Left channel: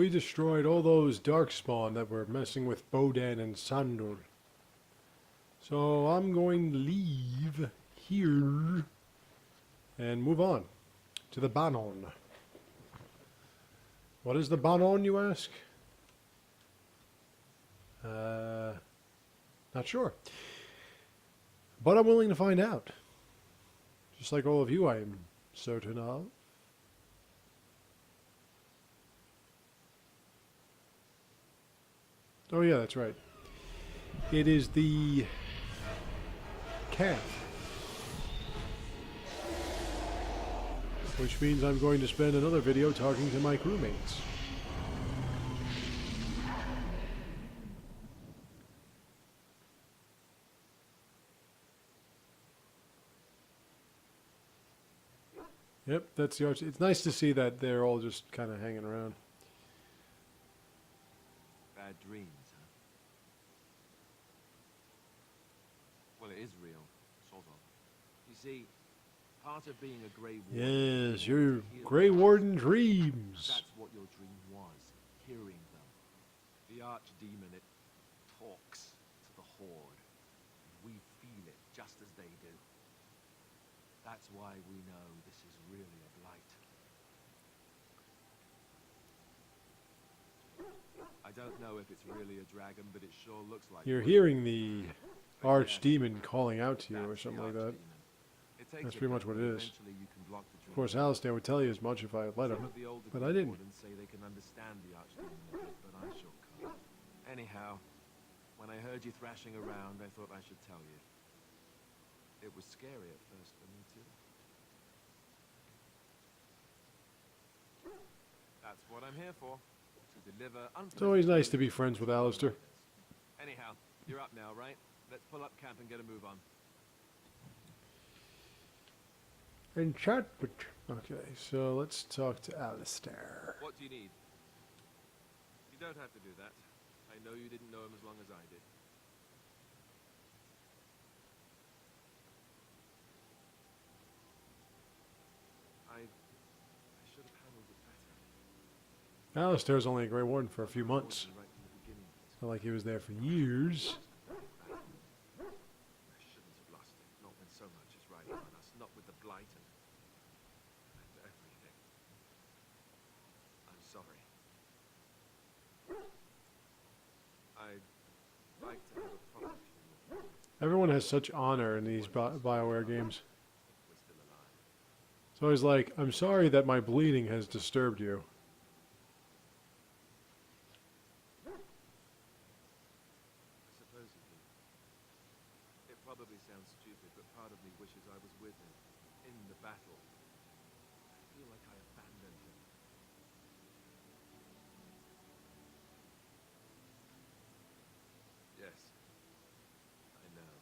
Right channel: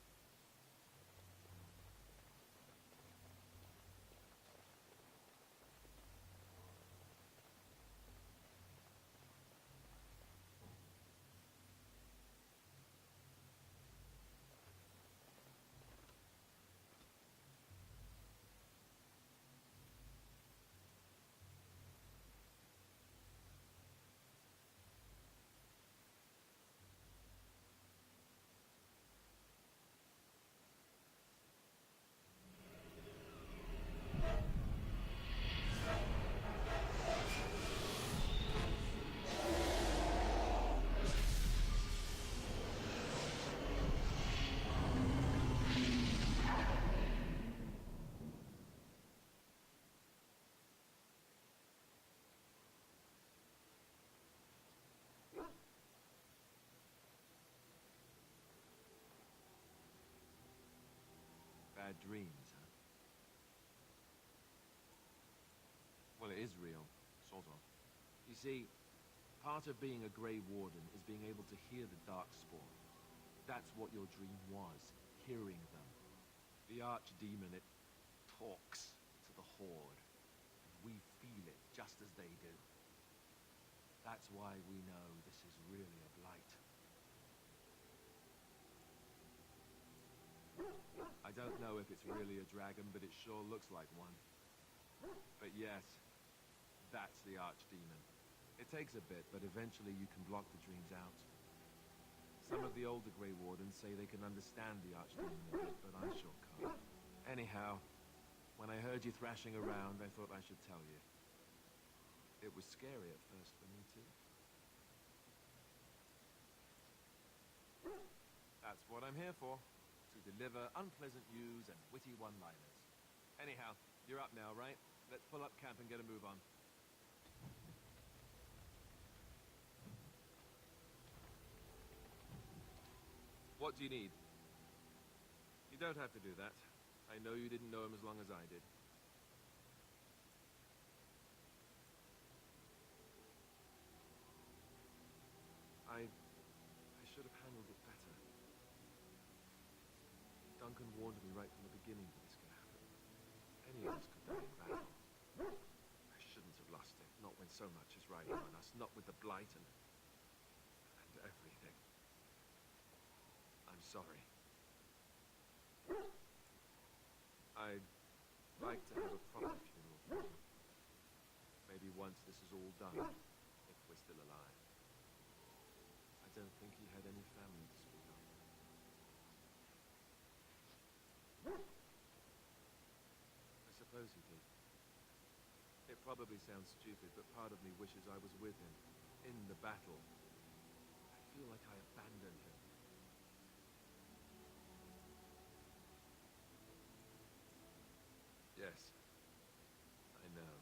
We destroyed all those darkspawn that were messing with Bodan and Sandor. So I'm going to leave here and move on to the Banon. What is the Banon, you ask? Not sure. But I'm willing to find out. Just like all of you, I am certain of. Oh yeah, that's right. It is the calf. Which means I'm going to spend another video talking to my crewmates. Yep, that's the arch. It's nice to see that they're all just kind of hanging around. Bad dreams, huh? Well, it is real, sort of. You see, part of being a Grey Warden... Yes, your Grey Warden dreams. That's what your dream was, hearing them. The Archdemon, it talks to the Horde, and we feel it just as they do. That's why we know this is really a blight. I don't know if it's really a dragon, but it sure looks like You're one. hearing the But Archdemon calling out to you or that's something the like that. Archdemon. It takes That's a pretty bit, much what but it is. eventually you can block the dream Of course, down. Alistair would tell you as much if I let him. Some of the older but I Grey didn't. Wardens say they can understand the Archdemon a bit, but I sure can't. Anyhow, when I heard you thrashing around, I thought I should tell you. It was scary at first for me too. That's what I'm here for. To deliver unpleasant It's always nice to be news friends with to Alistair. one-liners. Anyhow, you're up now, right? Let's pull up camp and get a move on. Enchantment. Okay, so let's talk to Alistair. What do you need? You don't have to do that. I know you didn't know him as long as I did. I should have handled it better. Alistair's only a Grey Warden for a few I'm months. right from the beginning. It's not like he was there for years. I shouldn't have lost it. Not when so much is riding on us. Not with the blight and everything. I'm sorry. I'd like to have a proper funeral. Everyone has such honor in these BioWare games. If we're still alive. It's always like, I'm sorry that my bleeding has disturbed you. I suppose he did. It probably sounds stupid, but part of me wishes I was with him in the battle. I feel like I abandoned him. Yes, I know.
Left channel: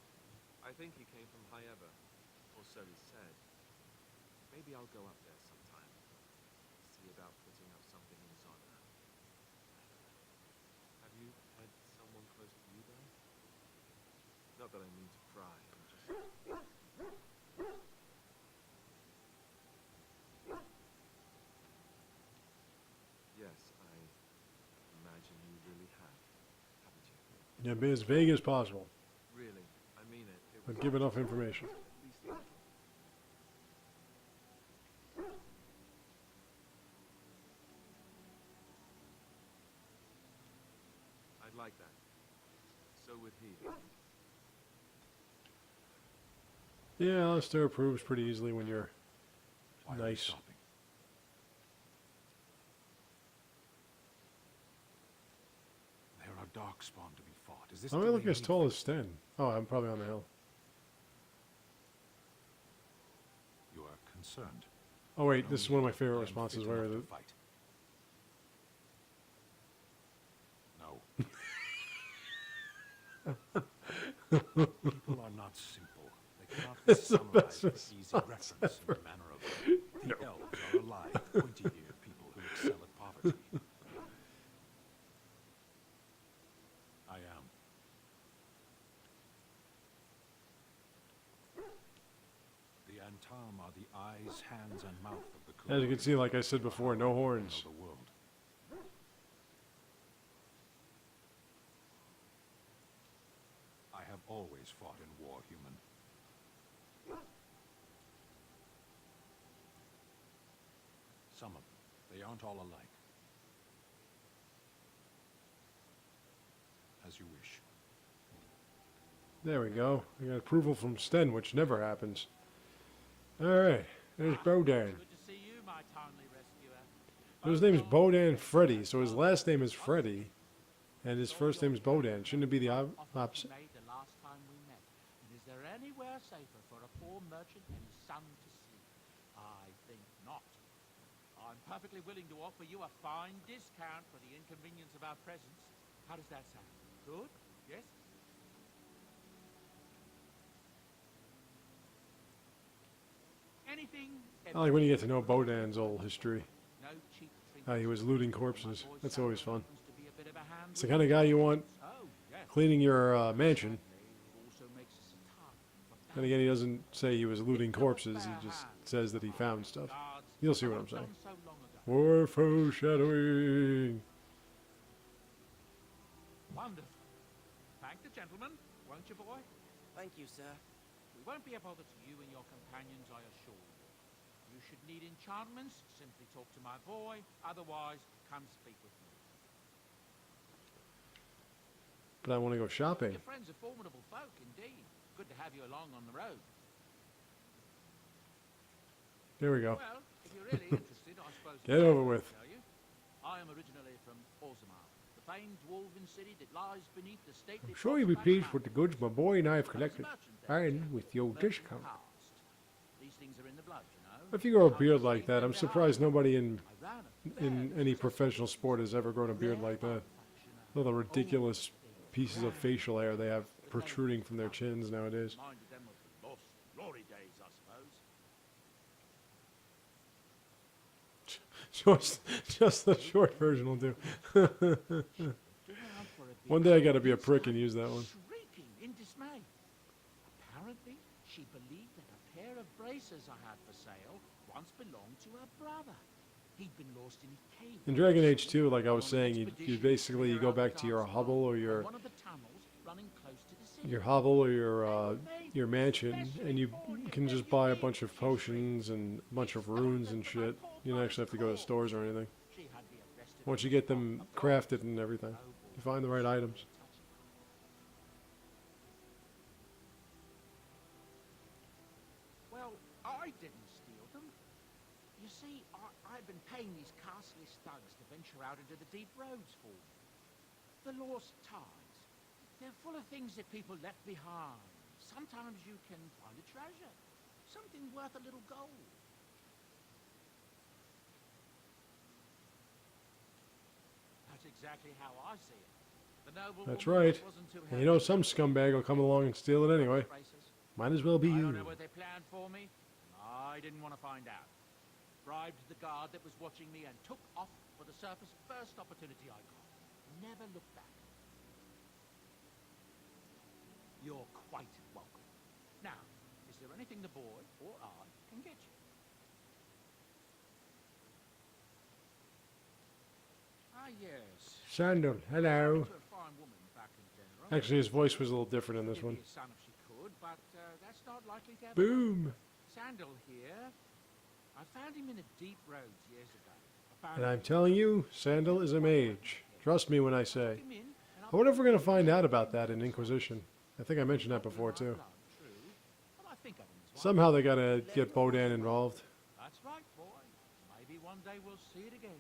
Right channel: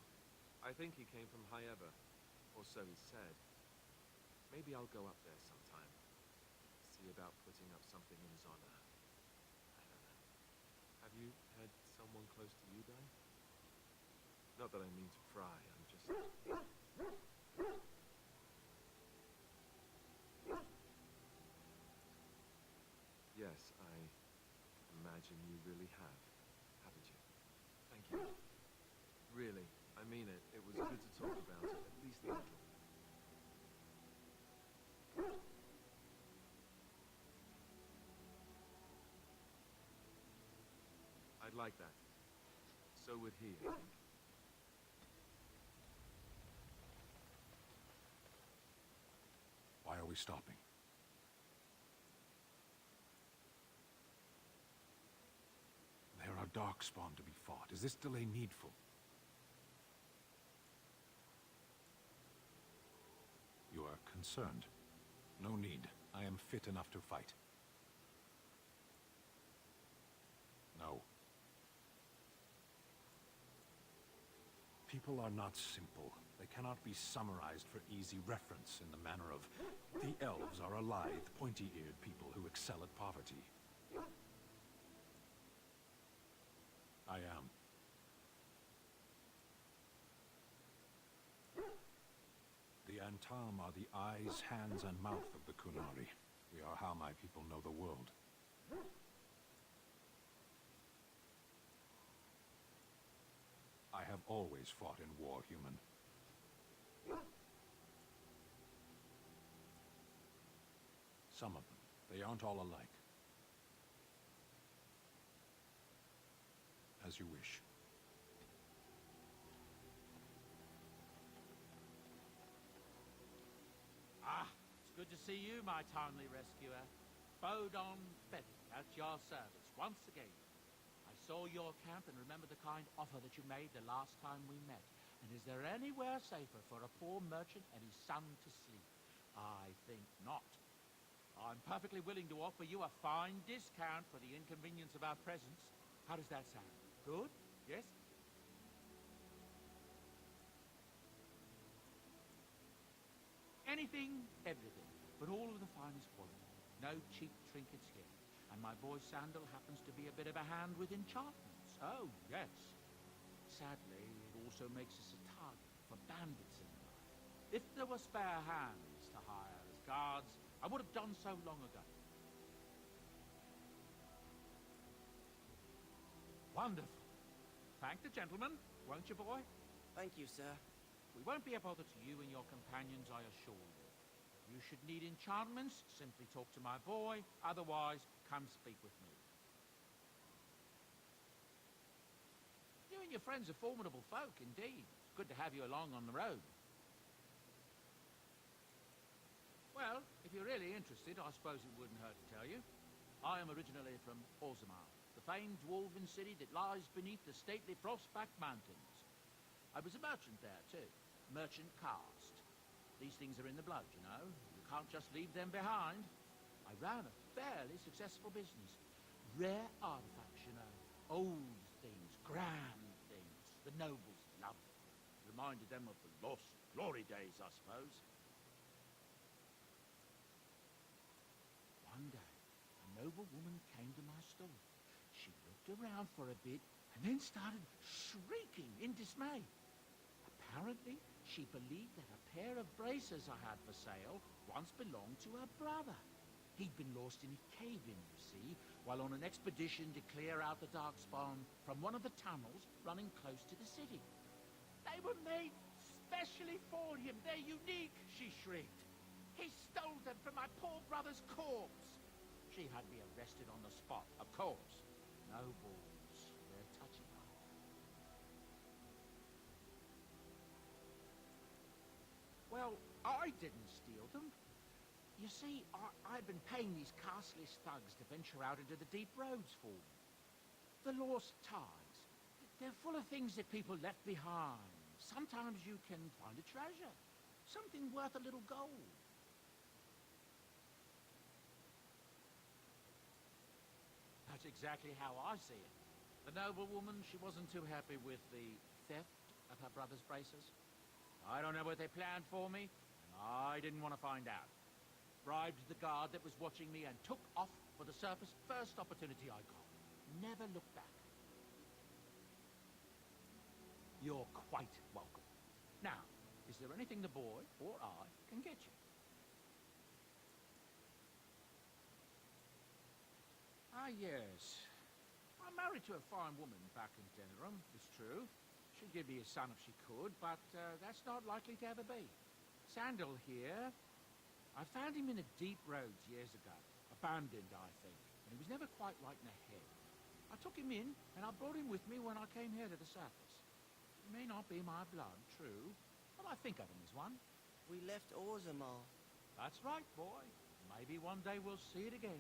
I think he came from Hyeva, or so he said. Maybe I'll go up there sometime. See about putting up something in his honor. I don't know. Have you had someone close to you die? Not that I mean to pry, I'm just... Yes, I imagine you really have, haven't you? Yeah, be as vague as possible, Really, I mean it. It was but give enough information. at least a little. I'd like that. So would he, I think. Yeah, Alistair approves pretty easily when you're Why are we nice. stopping? There are darkspawn to be fought. Is this I'm the not way looking as we- tall as Sten. Oh, I'm probably on the hill. You are concerned? Oh wait, No this is need. one of my favorite I am responses. fit Where enough the, to fight. No. People are not simple. They cannot be summarized for easy reference in the manner of the elves are alive, pointy-eared people who excel at poverty. I am. The Antam are the eyes, hands, and mouth of the as you can Kurari. see, like I said They are before, how no I horns. know the world. always fought in war, human. Some of them. They aren't all alike. As you wish. There we go. We got approval from Sten, which never happens. Alright, there's Bodan. Good to see you, my timely rescuer. His name's Bodan Freddy, so his last name is Freddy, and his first name is Bodan. Shouldn't it be the opposite? Made the last time we met. And is there anywhere safer for a poor merchant and his son to sleep? I think not. I'm perfectly willing to offer you a fine discount for the inconvenience of our presence. How does that sound? Good? Yes? Anything? I like when you get to know Bodan's old history. No cheap How he was looting corpses. That's always fun. It's the It's kind of guy you want cleaning your mansion. And again, he doesn't say he was looting corpses. He just says that he found stuff. You'll see what I'm saying. More foreshadowing. Wonderful. Thank the gentleman, won't you, boy? Thank you, sir. We won't be a bother to you and your companions, I assure you. You should need enchantments, simply talk to my boy. Otherwise, come speak with me. But I want to go You shopping. and your friends are formidable folk, indeed. Good to have you along on the road. There we go. Well, if you're really interested, I suppose... Get it's over all I with. can Tell you. I am originally from Orzammar, the famed dwarven city that lies beneath the stately... I'm sure you'll be Frostback pleased with the Mountains. goods my boy and I have I was a collected. merchant there, And too. with your Merchant discount. caste. These things are in the blood, you know. If you grow a Can't beard just like leave that, them I'm surprised behind. nobody in I ran a fairly any successful professional business. sport has ever grown a beard like that. Artifacts, you know. All the ridiculous Old things, pieces of grand, facial hair they have that no protruding one from their can chins nowadays. Reminded them of the lost glory days, I suppose. Just the short version will do. She looked around for a bit, One day I gotta be a then prick and started use that one. Shrieking in dismay. Apparently, she believed that a pair of braces I had for sale once belonged to her brother. He'd been lost in a cave. In Dragon Age 2, like I While was on an saying, you expedition to basically clear go out the back to your dark hovel or spot your on one of the tunnels running close to the city. your mansion, and you can just buy a bunch of potions and a bunch of runes and shit. You don't actually have to go to stores or anything. She had me arrested Once on you the get spot, them of course. crafted and everything, Noble you find the right souls items. were touching her. Well, I didn't steal them. You see, I've been paying these castless thugs to venture out into the deep roads for me. The lost ties. They're full of things that people left behind. Sometimes you can find a treasure. Something worth a little gold. That's exactly how I see it. The noble That's woman right. wasn't too And you know happy some with me. scumbag will come along and steal it anyway. Braces. Might as well be I you. don't know what they planned for me, and I didn't want to find out. Bribed the guard that was watching me and took off for the surface first opportunity I got. Never looked back. You're quite welcome. Now, is there anything the boy or I can get you? Ah, yes. Sandal, hello. Married to a fine woman back in Denver. Actually, his voice was a little different in this Give one. me a son if she could, but that's not likely to happen. Boom! Sandal here. I found him in a deep roads years ago. And I'm telling you, Sandal is a mage. Trust me when I say. I I wonder if we're going to find out about that in Inquisition. I think I mentioned that before, too. Somehow they got to get Bodan involved. That's right, boy. Maybe one day we'll see it again.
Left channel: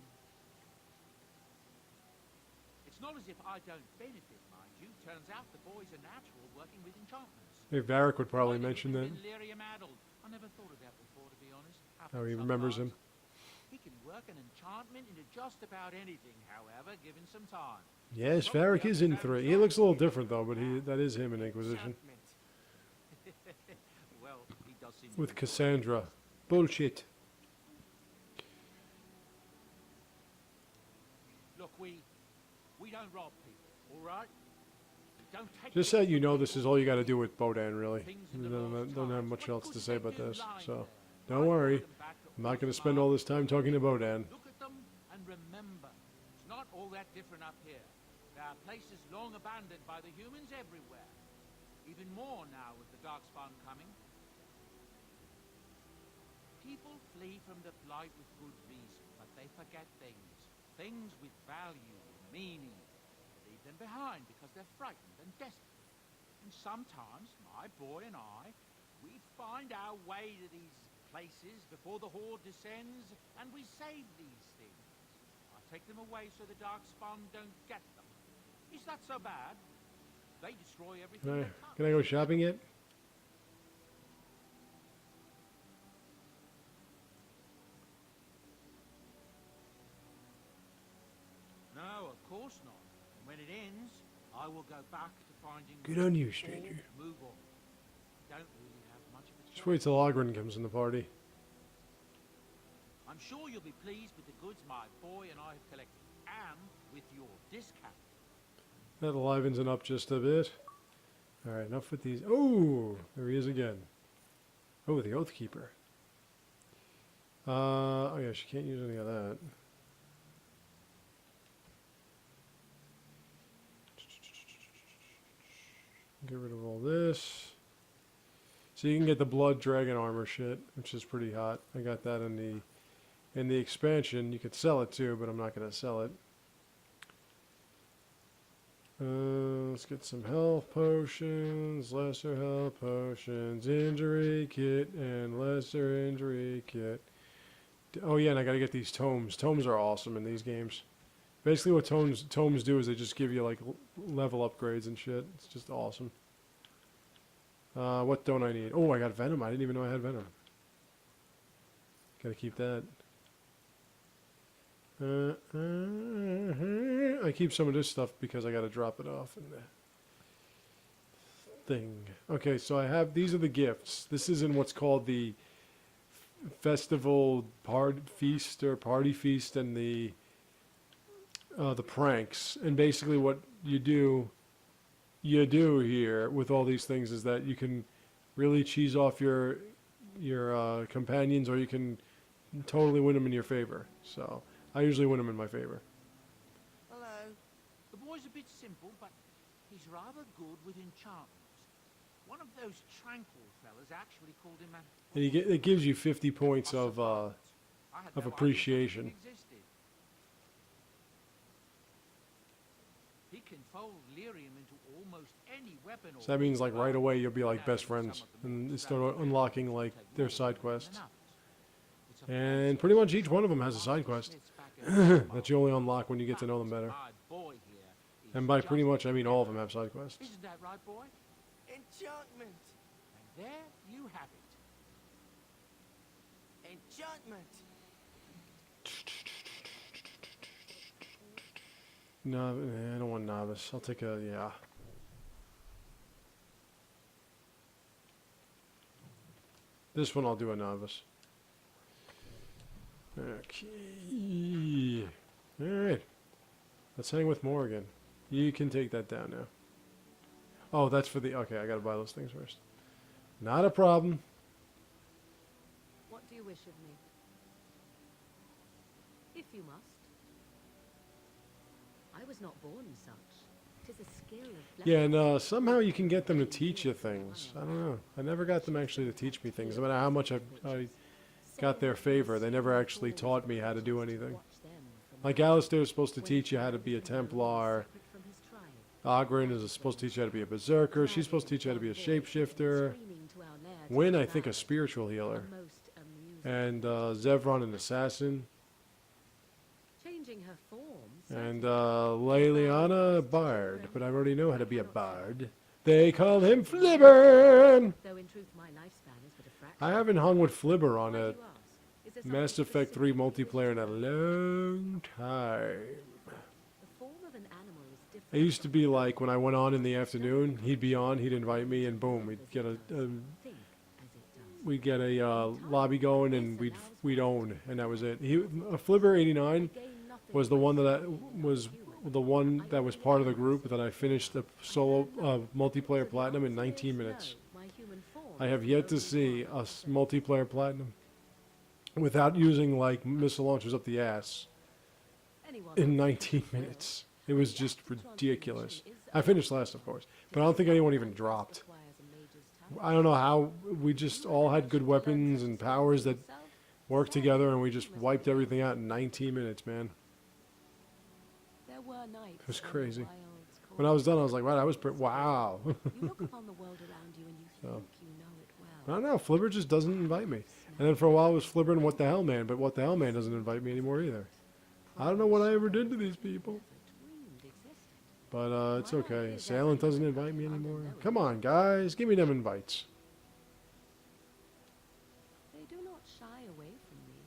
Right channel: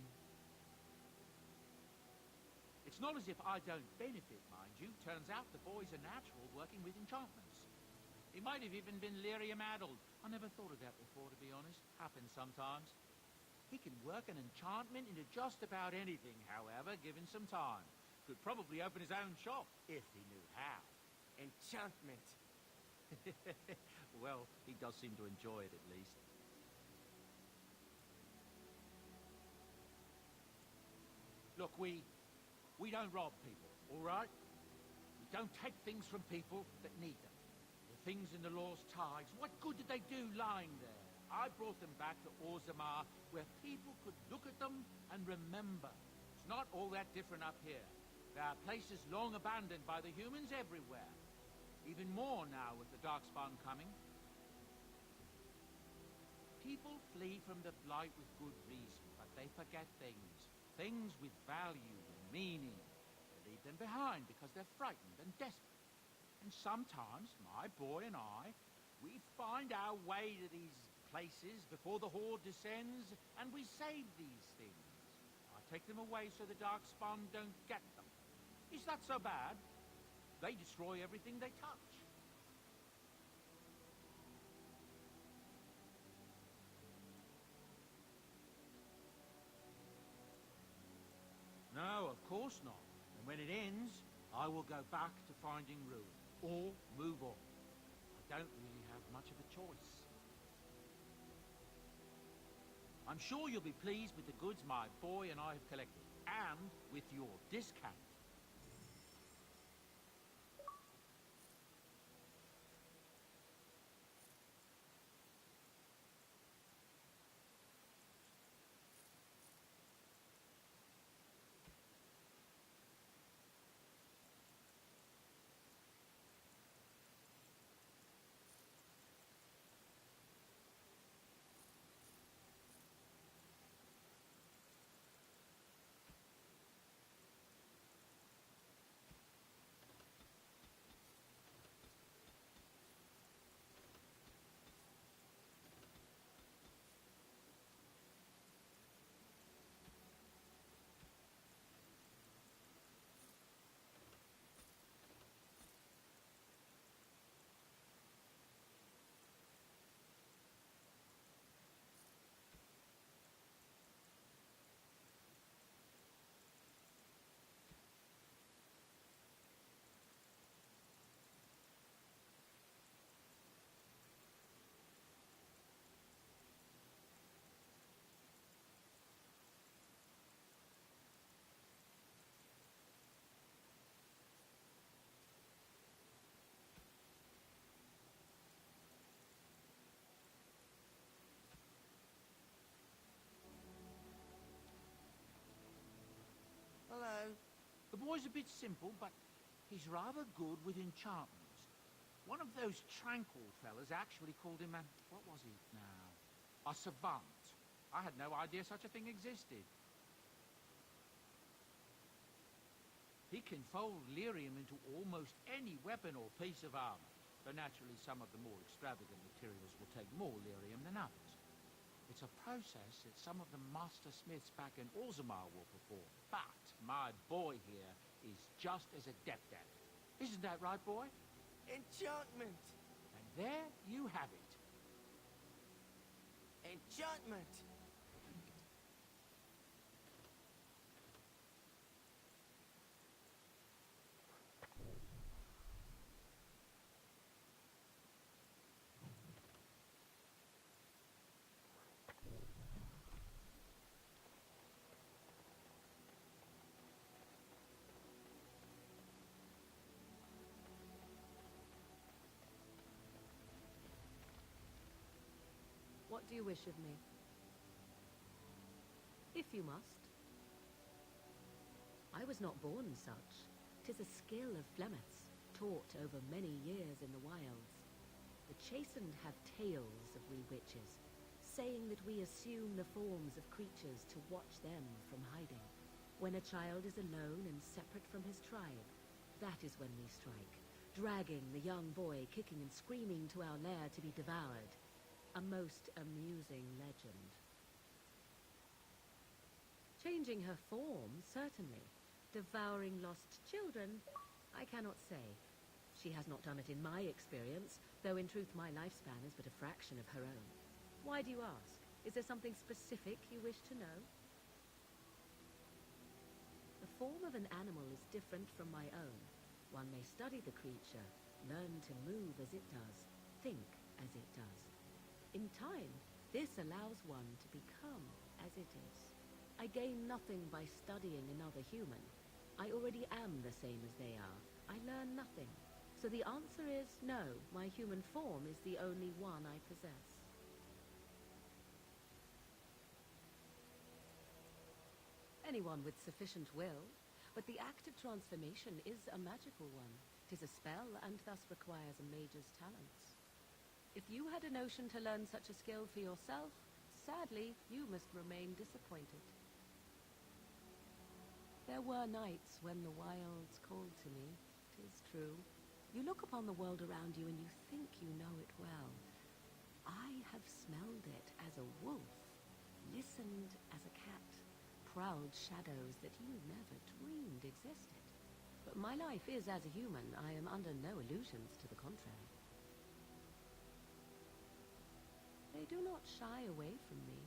It's not as if I don't benefit, mind you. Turns out the boy's a natural working with enchantments. Hey, Varric would probably He might have mention even that. been lyrium-addled. I never thought of that before, to be honest. How he Happens remembers him. sometimes. He can work an enchantment into just about anything, however, given some time. Yes, Probably Varric up is his in own 3. He shop. looks a little different, though, but that is him in Inquisition. Enchantment. Well, he does seem to With enjoy it. Cassandra. Bullshit. Look, we don't rob people, all right? We don't take Just so things you from know, this people. is all you got to do with Bodan, really. Things in the Don't lost have ties. much What else good to did say they about do this. lying So, there? I don't brought worry. them back to I'm not going to Orzammar. spend all this time talking to Bodan. Look at them and remember, it's not all that different up here. There are places long abandoned by the humans everywhere. Even more now with the Darkspawn coming. People flee from the Blight with good reason, but they forget things. Things with value and meaning. They leave them behind because they're frightened and desperate. And sometimes, my boy and I, we find our way to these places before the Horde descends, and we save these things. I take them away so the Darkspawn don't get them. Is that so bad? They destroy everything they touch. Can I go shopping yet? No, of course not. And when it ends, I will go back to finding Good on you, or stranger. move on. I don't really have much of a choice. Just wait till Ogren comes in the party. I'm sure you'll be pleased with the goods my boy and I have collected, and with your discount. That livens it up just a bit. Alright, enough with these. Oh, there he is again. Oh, the Oath Keeper. Oh yeah, she can't use any of that. Get rid of all this. So you can get the Blood Dragon armor shit, which is pretty hot. I got that in the expansion. You could sell it too, but I'm not gonna sell it. Let's get some health potions, lesser health potions, injury kit, and lesser injury kit. Oh yeah, and I gotta get these tomes. Tomes are awesome in these games. Basically what tomes do is they just give you like level upgrades and shit. It's just awesome. What don't I need? Oh, I got Venom. I didn't even know I had Venom. Gotta keep that. I keep some of this stuff because I gotta drop it off in the thing. Okay, so I have, these are the gifts. This is in what's called the festival feast or party feast, and the pranks. And basically what you do here with all these things is that you can really cheese off your companions, or you can totally win them in your favor. So I usually win them in my favor. Hello. The boy's a bit simple, but he's rather good with enchantments. One of those tranquil fellas actually called him a... And it gives you 50 points of appreciation. Existed. He can fold lyrium into almost any weapon. So that means like right away you'll be like best friends and start unlocking like their side quests. And pretty much each one of them has a side quest that you only unlock when you get to know them better. And by pretty much I mean all of them have side quests. Isn't that right, boy? Enchantment! And there you have it. Enchantment! No, I don't want novice. I'll take a, yeah. This one I'll do a novice. Okay. Alright. Let's hang with Morgan. You can take that down now. Oh, that's for the, okay, I gotta buy those things first. Not a problem. What do you wish of me? If you must. I was not born such. 'Tis a skill of Yeah, and somehow you can get them to teach you things. I don't know. I never got them actually to teach me things. No matter how much I got their favor, they never actually taught me how to do anything. Like Alistair is supposed to teach you how to be a Templar. Ogren is supposed to teach you how to be a Berserker. She's supposed to teach you how to be a Shapeshifter. Wynn, I think, a Spiritual Healer. And Zevron, an Assassin. Changing her form, And Leliana, a Bard. But I already know how to be a Bard. They call him Flibber! Though in truth my lifespan is but a fraction. I haven't hung with Flibber on Why a do you ask? Is there something Mass Effect 3 specific you wish multiplayer in to a know? long time. The form of an animal is different. It used to from be my like when I went on in the own. afternoon, he'd be on, he'd invite Learn me, to and boom, move we'd as get it a does, think as it does. we'd get a time, lobby going, and this we'd allows one own, to and that was it. become He, Flibber I 89 gain nothing was the by one that studying was another human. the one I that was already part of the am group safe that I there. finished the I solo learn nothing. multiplayer So the platinum in answer 19 is minutes. no, my human form I is have the yet to only see one I a possess. multiplayer platinum without using like missile launchers up the ass Anyone in with 19 sufficient will. minutes. It was The just act of ridiculous. transformation is I a finished wonderful last, of one. course. But I don't think anyone even dropped. I don't know how we just all had good weapons and powers that worked together, and we just wiped everything out in 19 minutes, man. There were nights It was when crazy. the wilds When I called was done, I to was like, wow, that was pretty, its core. wow. You look upon the world around you and you think you know it I well. don't know, Flibber just doesn't invite me. And then for a while it was Flibber and What the Hell Man, but What the Hell Man doesn't invite me anymore either. I don't know what I ever did to these people. But it's okay. Salem doesn't invite me anymore. Come on, guys, give me them invites. They do not shy away from me.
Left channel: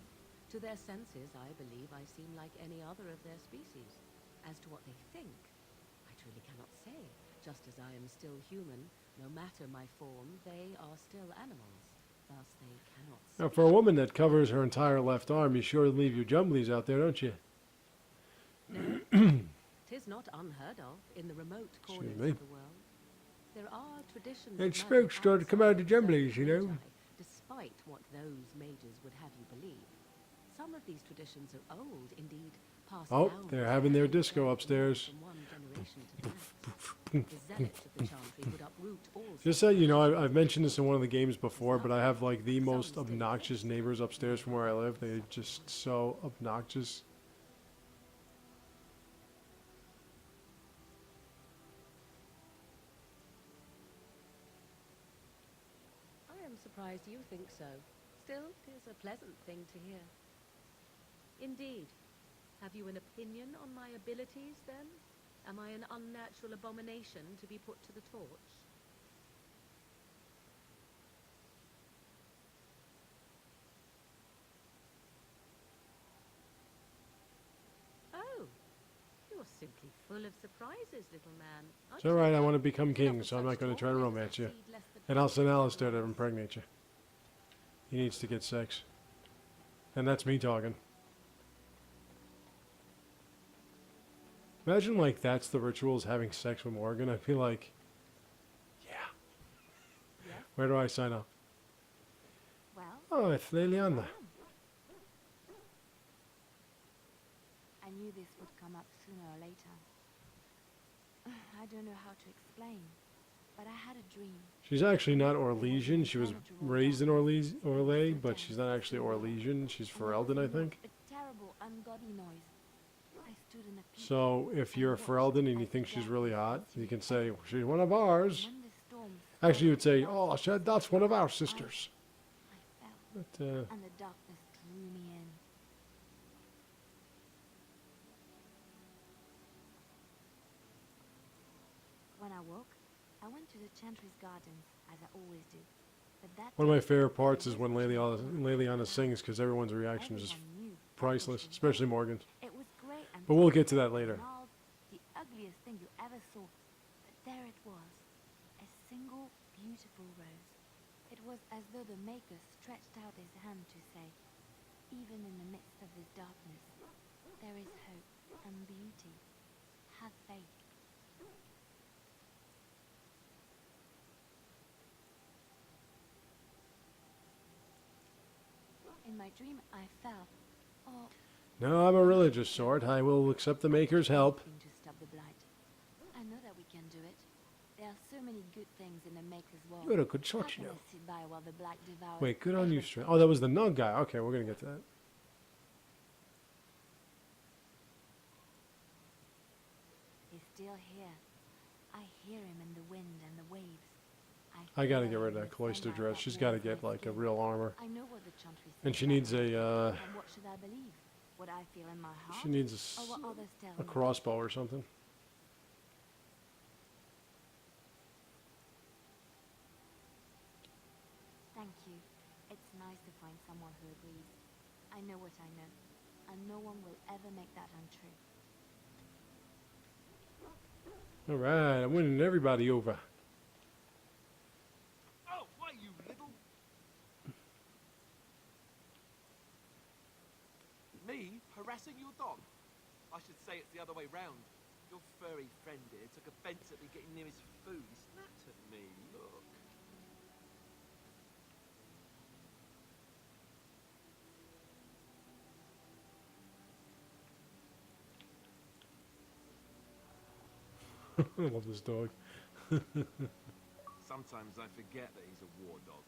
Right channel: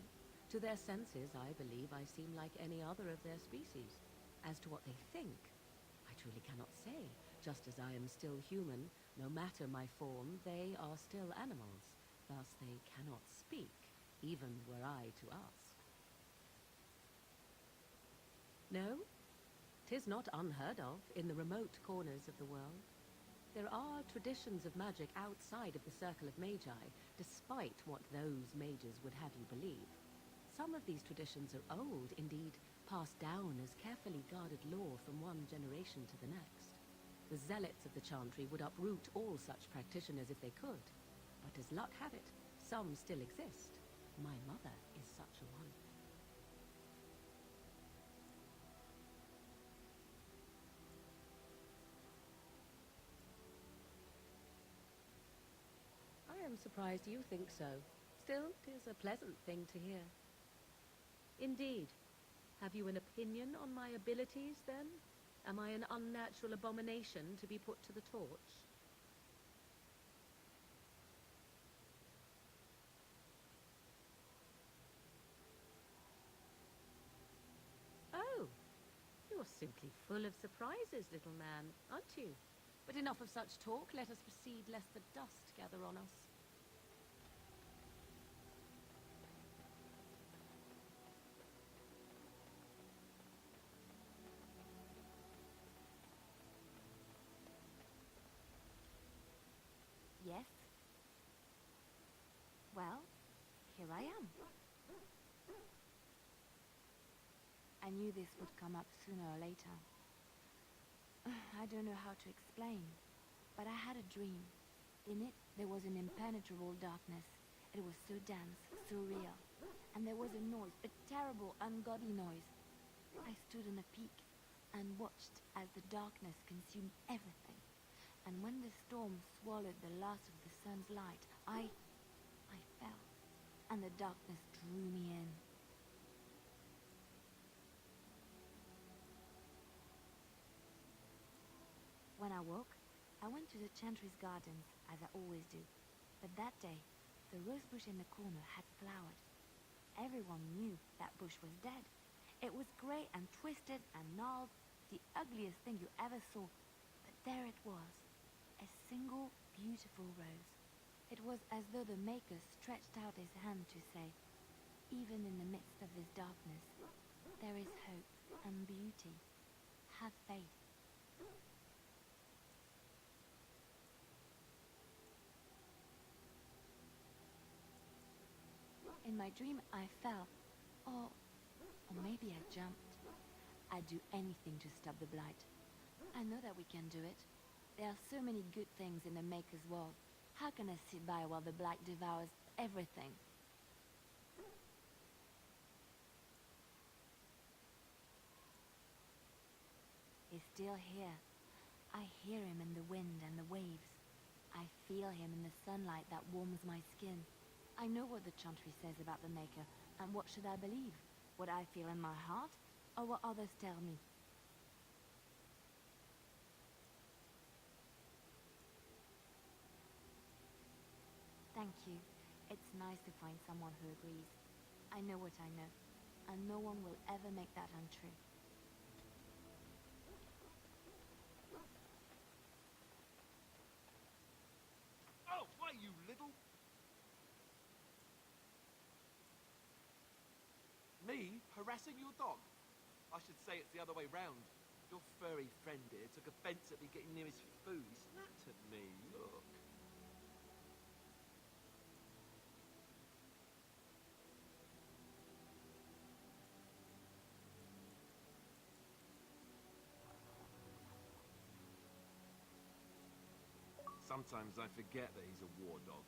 To their senses, I believe I seem like any other of their species. As to what they think, I truly cannot say. Just as I am still human, no matter my form, they are still animals. Thus they cannot Now, speak. for a woman that covers her entire left arm, you sure leave your jumblies out there, don't you? No, 'tis not unheard of in the remote corners me. of the world. There are traditions And of magic spokes start to come out outside of the jumblies, circle you know. of magi, despite what those mages would have you believe. Some of these traditions are old, indeed, passed Oh, down they're with having their carefully disco guarded upstairs. lore from one generation to the next. The zealots of the chantry would uproot all Just such so you know, practitioners I've if mentioned they this in could. one of the games before, but I have like the Some most still obnoxious exist. neighbors upstairs from where I live. They're Such just ones. so obnoxious. I am surprised you think so. Still, 'tis a pleasant thing to hear. Indeed. Have you an opinion on my abilities, then? Am I an unnatural abomination to be put to the torch? Oh, you're simply full of surprises, little man, aren't It's you? alright, I want to become But enough king, of so I'm such not going to talk, try to let us romance you. proceed, lest the And I'll send dogs Alistair gather to on us. impregnate you. He needs to get sex. And that's me talking. Imagine, like, that's the rituals, having sex with Morgan. I'd be like, yeah, Yes, where do I sign up? well, Oh, it's here I Liliana. am. I knew this would come up sooner or later. I don't know how to explain, but I had a dream. She's actually not There was an Orlesian. She was impenetrable raised in darkness. It was Orlais, so but she's dense, not actually so dark. Orlesian. She's And there was Ferelden, a I noise, think. a terrible, ungodly noise. I stood in a peak. So if and you're watched Ferelden and you as think the she's really hot, darkness you can consumed say, everything. she's one of And ours. when the storm Actually, you would say, swallowed the oh, last shit, of that's the one of light, our sisters. I fell, But, and the darkness drew me in. When I woke, I went to the Chantry's gardens, as I always do. But that one of my day, favorite parts is was when pushing Liliana, the corner Liliana loud. sings, because everyone's reaction is just Everyone knew that bush priceless, was especially there. Morgan. It was great and But we'll get to twisted that later. and gnarled, the ugliest thing you ever saw. But there it was, a single beautiful rose. It was as though the Maker stretched out his hand to say, even in the midst of this darkness, there is hope and beauty. Have faith. In my dream, I fell. Oh, No, I'm a religious sort. I will accept the I did Maker's help. anything to stop the blight. I know that we can do it. There are so many good things in the Maker's world. You're a good How sort, can you. I sit by while the blight devours Wait, good on you, everything? Oh, that was the Nug guy. Okay, we're going to get to that. He's still here. I hear him in the wind and the waves. I got to feel get rid him of in that the cloister sunlight dress. that She's got to warms get, my like, a skin. real armor. I know what the Chantry says And she about needs the a, Maker. And what should I believe? What I feel in my heart? she needs or what others tell a me? crossbow or something. Thank you. It's nice to find someone who agrees. I know what I know, and no one will ever make that untrue. All right, I'm winning everybody over. Oh, why, you little... Me harassing your dog? I should say it's the other way round. Your furry friend here took offence at me getting near his food. He snapped at me, look. I love this dog. Sometimes I forget that he's a war dog.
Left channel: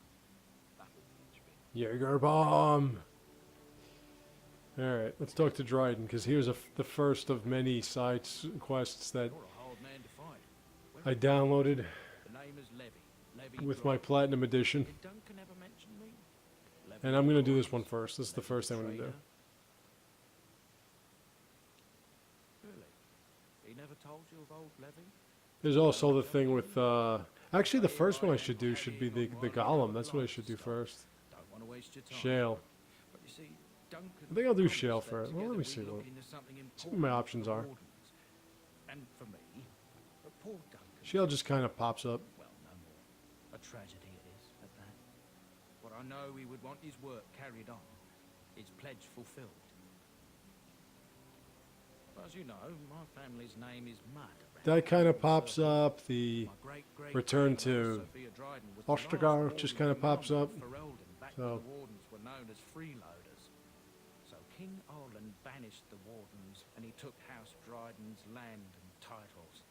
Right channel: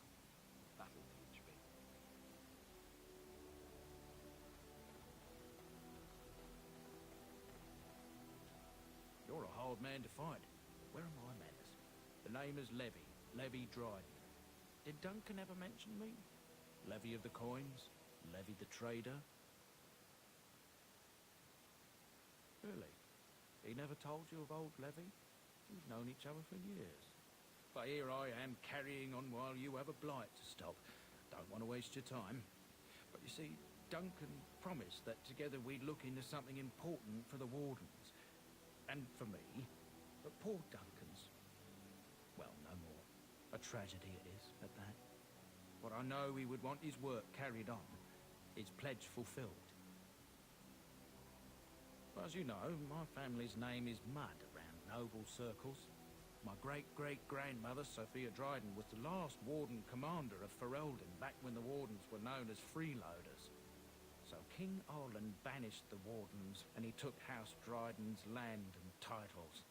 That'll teach me. Jaeger bomb. Alright, let's talk to Dryden, because here's the first of many side quests that You're a hard man to find. Where I are you? downloaded The name is Levy. Levy with my Dryden. Platinum Edition. Did Duncan ever mention me? Levy And of I'm the going to do this coins, one first. This is the Levy first the thing I'm going to do. trader. Really? He never told you of old Levy? There's also the thing with, actually the first one I should do should be the Golem. That's what I should do first. Don't want to waste your time. Shale. But you see, Duncan I think I'll do promised Shale that first. Well, together let me see we'd look what- into something what important my for options the are. Wardens. And for me, but poor Duncan. Shale just kind of pops up. Well, no more. A tragedy it is, at that. But I know he would want his work carried on, his pledge fulfilled. As you know, my family's name is Mud. around That kind of all pops circles. up. The My great return grandmother, to Sophia Dryden, was the Ostergar last just warden kinda pops commander up. of Ferelden, back So- when the wardens were known as freeloaders. So King Arlen banished the wardens, and he took House Dryden's land and titles.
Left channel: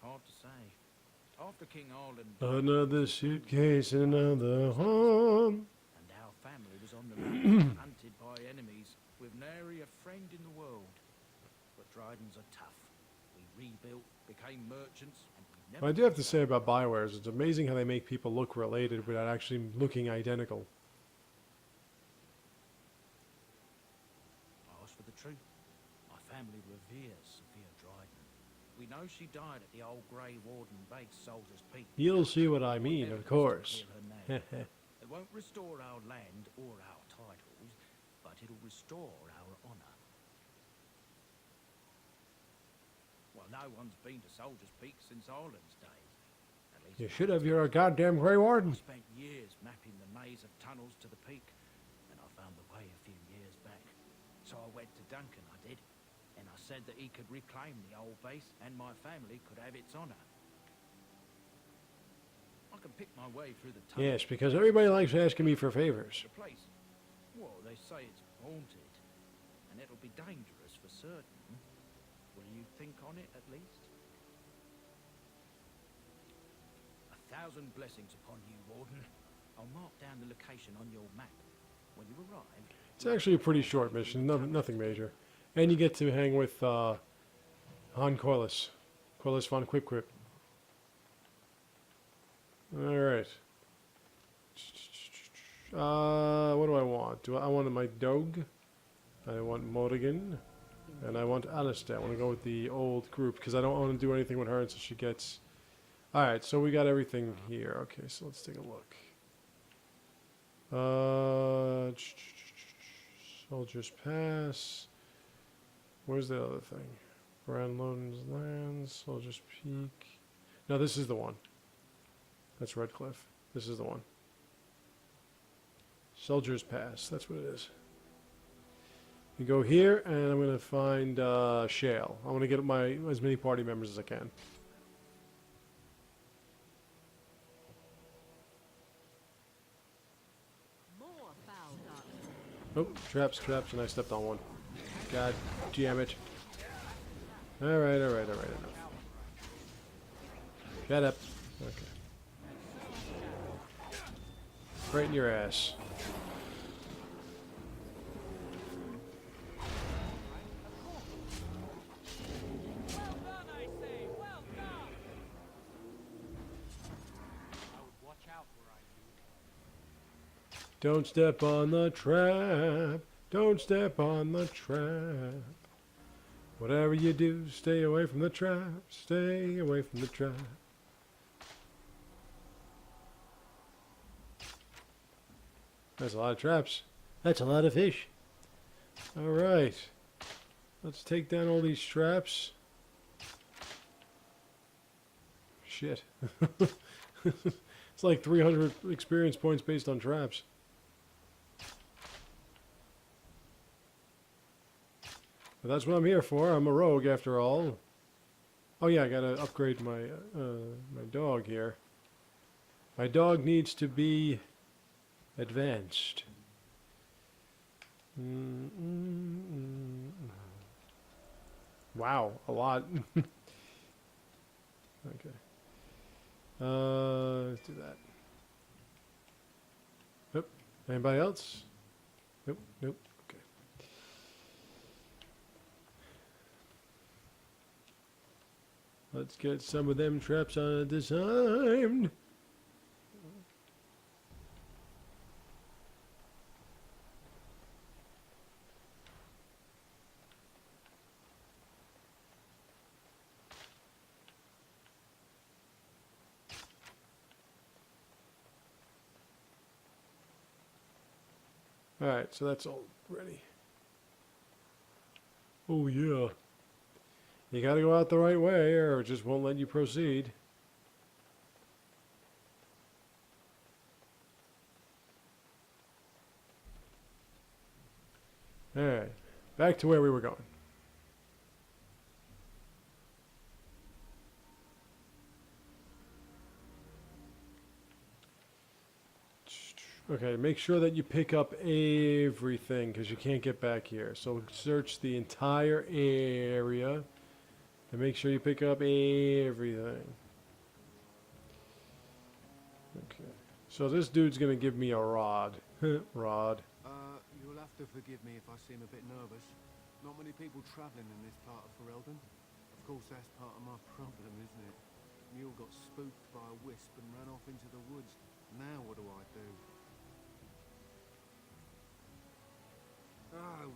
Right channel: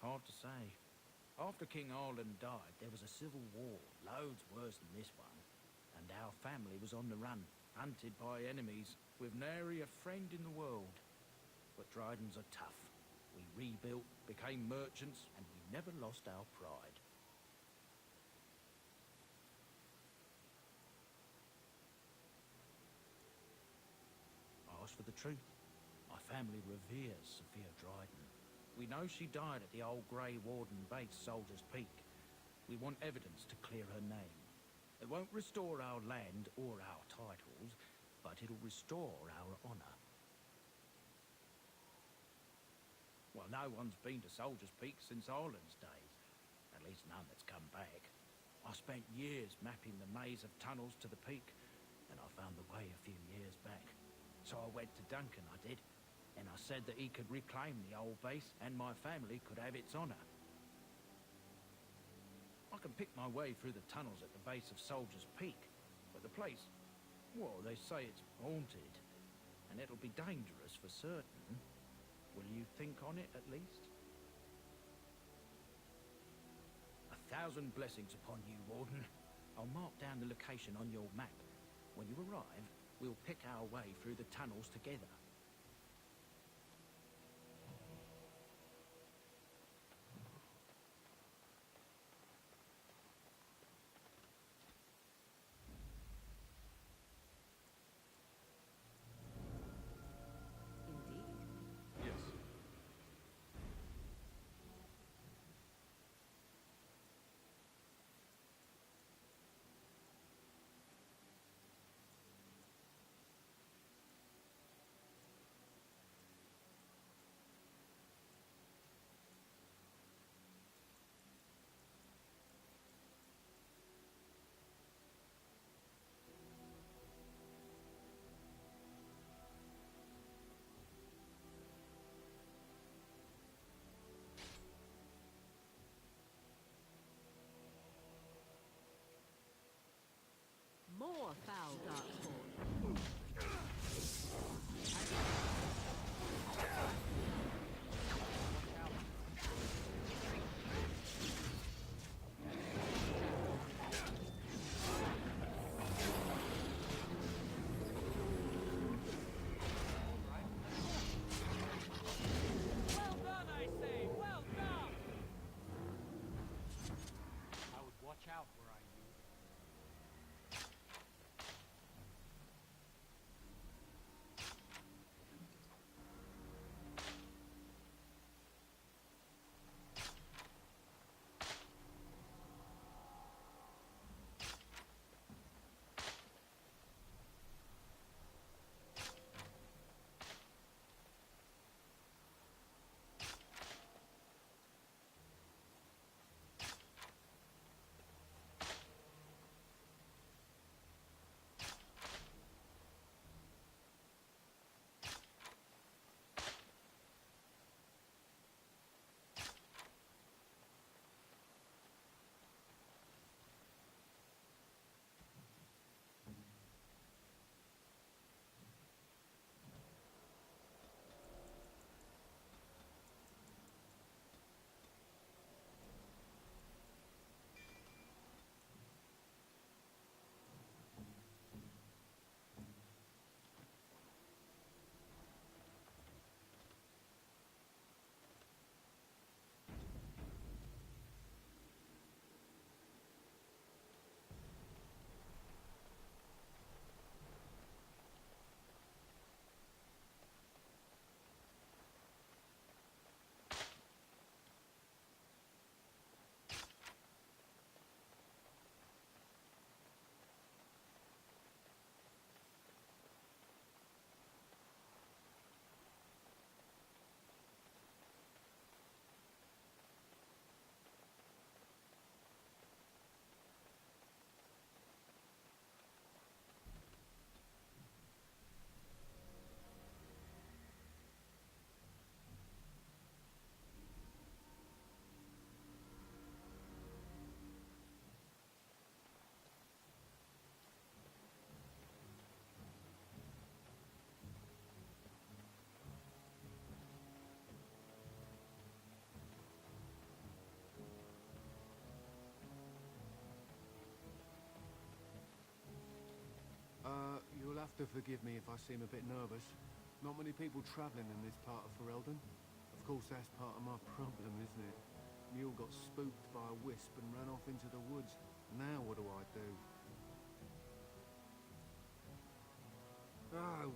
Hard to say. After King Arlen died, another things had suitcase, changed. another Worse than home. and our family was on the run, hunted by enemies, with nary a friend in the world. But Drydens are tough. We rebuilt, became merchants, and we never. What I do have to lost say our about pride. Bioware is it's amazing how they make people look related without actually looking identical. I asked for the truth. My family reveres Sophia Dryden. We know she died at the old Grey Warden base, Soldier's Peak. You'll see what I We want mean, of evidence to course. clear her name. It won't restore our land or our titles, but it'll restore our honour. Well, no one's been to Soldier's Peak since Arlen's days. At least You no should one's have. You're a come. goddamn Grey Warden. I spent years mapping the maze of tunnels to the peak, and I found the way a few years back. So I went to Duncan, I did, and I said that he could reclaim the old base, and my family could have its honour. I can pick my way through the tunnels. Yes, at the because base of everybody likes Soldier's asking me Peak. for favors. The place, well, they say it's haunted, and it'll be dangerous for certain. Will you think on it at least? 1,000 blessings upon you, Warden. I'll mark down the location on your map. When you arrive, It's actually a pretty short mission, nothing major. And you get to hang with Han Corliss. Corliss von Quip Quip. Alright. What do I want? I want my dog. I want Morrigan. And I want Alistair. I want to go with the old group because I don't want to do anything with her until she gets... Alright, so we got everything here. Okay, so let's take a look. Soldier's Pass. Where's the other thing? Grand Loans Lands, Soldier's Peak. No, this is the one. That's Redcliffe. This is the one. Soldier's Pass. That's what it is. You go here, and I'm going to find Shale. I want to get as many party members as I can. More foul darkspawn. Oh, traps, and I stepped on one. God damn it. Alright. Shut up. Okay. Right in your ass. Well done, I say! Well done! I would watch out were I you. Don't step on the trap. Don't step on the trap. Whatever you do, stay away from the trap. Stay away from the trap. That's a lot of traps. That's a lot of fish. Alright. Let's take down all these traps. Shit. It's like 300 experience points based on traps. But that's what I'm here for. I'm a rogue after all. Oh yeah, I gotta upgrade my my dog here. My dog needs to be advanced. Wow, a lot. Okay. Let's do that. Nope. Anybody else? Nope. Nope. Okay. Let's get some of them traps disarmed. Alright, so that's all ready. Oh yeah. You gotta go out the right way or it just won't let you proceed. Alright, back to where we were going. Okay, make sure that you pick up everything because you can't get back here. So search the entire area and make sure you pick up everything. Okay, so this dude's gonna give me a rod. Rod. You'll have to forgive me if I seem a bit nervous. Not many people travelling in this part of Ferelden. Of course, that's part of my problem, isn't it? Mule got spooked by a wisp and ran off into the woods. Now what do I do?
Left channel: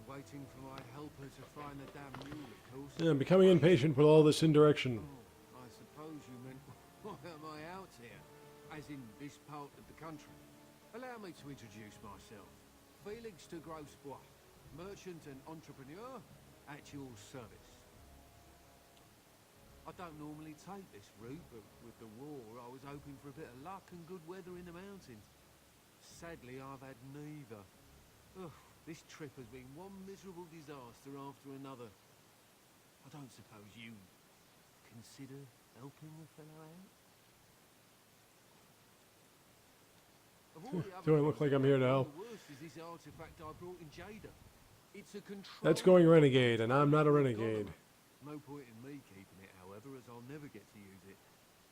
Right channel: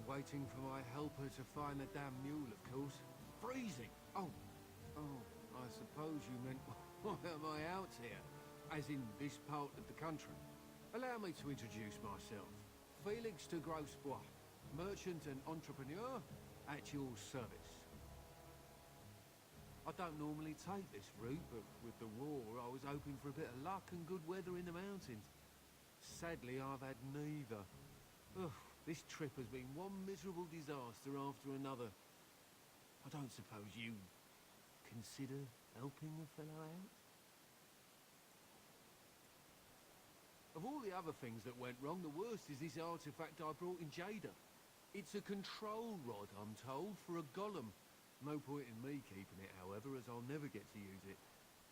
Waiting for my helper to find the damn mule, of course. Yeah, I'm becoming impatient with all this indirection. Oh, I suppose you meant, why am I out here? As in this part of the country. Allow me to introduce myself. Felix de Grosbois, merchant and entrepreneur at your service. I don't normally take this route, but with the war, I was hoping for a bit of luck and good weather in the mountains. Sadly, I've had neither. Ugh. This trip has been one miserable disaster after another. I don't suppose you consider helping a fellow out? Of all the other Do I things look like that I'm here went to wrong, help? The worst is this artifact I brought in Jada. It's a control. That's going renegade, and I'm not a golem. renegade. No point in me keeping it, however, as I'll never get to use it.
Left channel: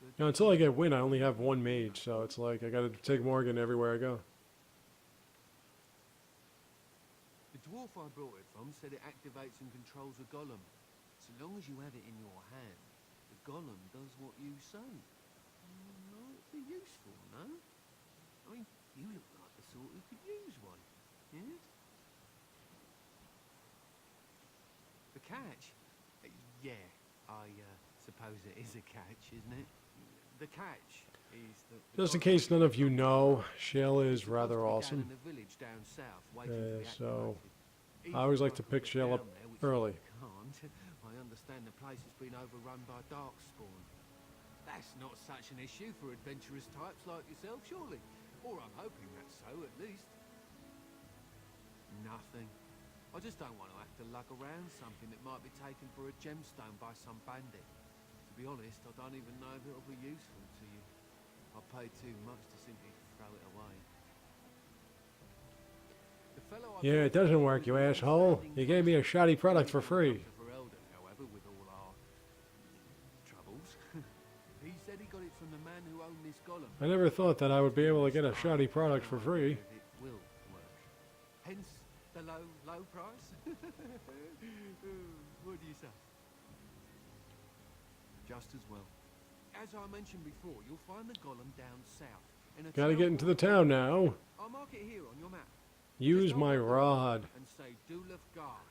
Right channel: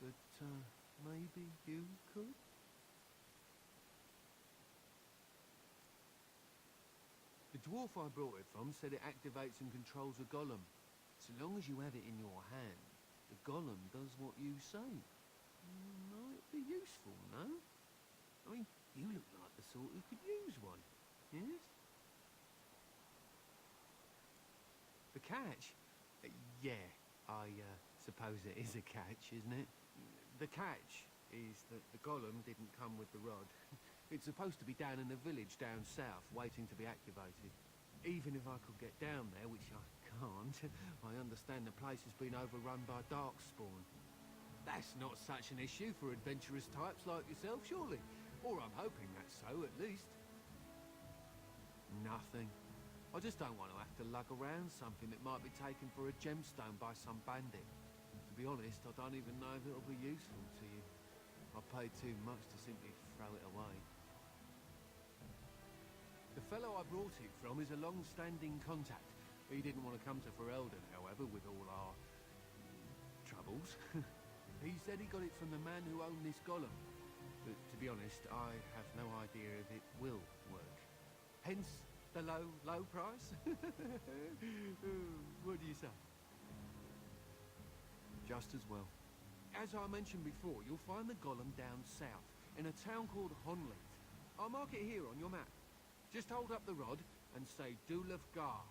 But Now, until I get win, I only have one mage, so it's like I gotta take Morgan everywhere I go. the dwarf I brought it from said it activates and controls a golem. So long as you have it in your hand, the golem does what you say. Might be useful, no? I mean, you look like the sort who could use one, yes? The catch? Yeah, I suppose it is a catch, isn't it? The catch is that... Just in case none of you know, Shell is rather down awesome. in a village down south, waiting to be So, activated. I always Even like if to could pick get Shell up down there, which early. I can't. I understand the place has been overrun by darkspawn. That's not such an issue for adventurous types like yourself, surely? Or I'm hoping that's so, at least. Nothing. I just don't want to have to lug around something that might be taken for a gemstone by some bandit. To be honest, I don't even know if it'll be useful to you. I paid too much to simply throw it away. The fellow I Yeah, it bought doesn't from work, was you a asshole. long-standing You gave me a contact. shoddy He product for didn't want to free. come to Ferelden, however, with all our troubles. He said he got it from the man who owned this golem. I never thought that I would be able to get a honest, shoddy I have product no for free. idea if it will work. Hence the low price. What do you say? Just as well. As I mentioned before, you'll find the golem down south. In a Gotta town get into the called town now. I'll mark it here on your map. Use Just hold my up the rod. and say Dulaf Gar.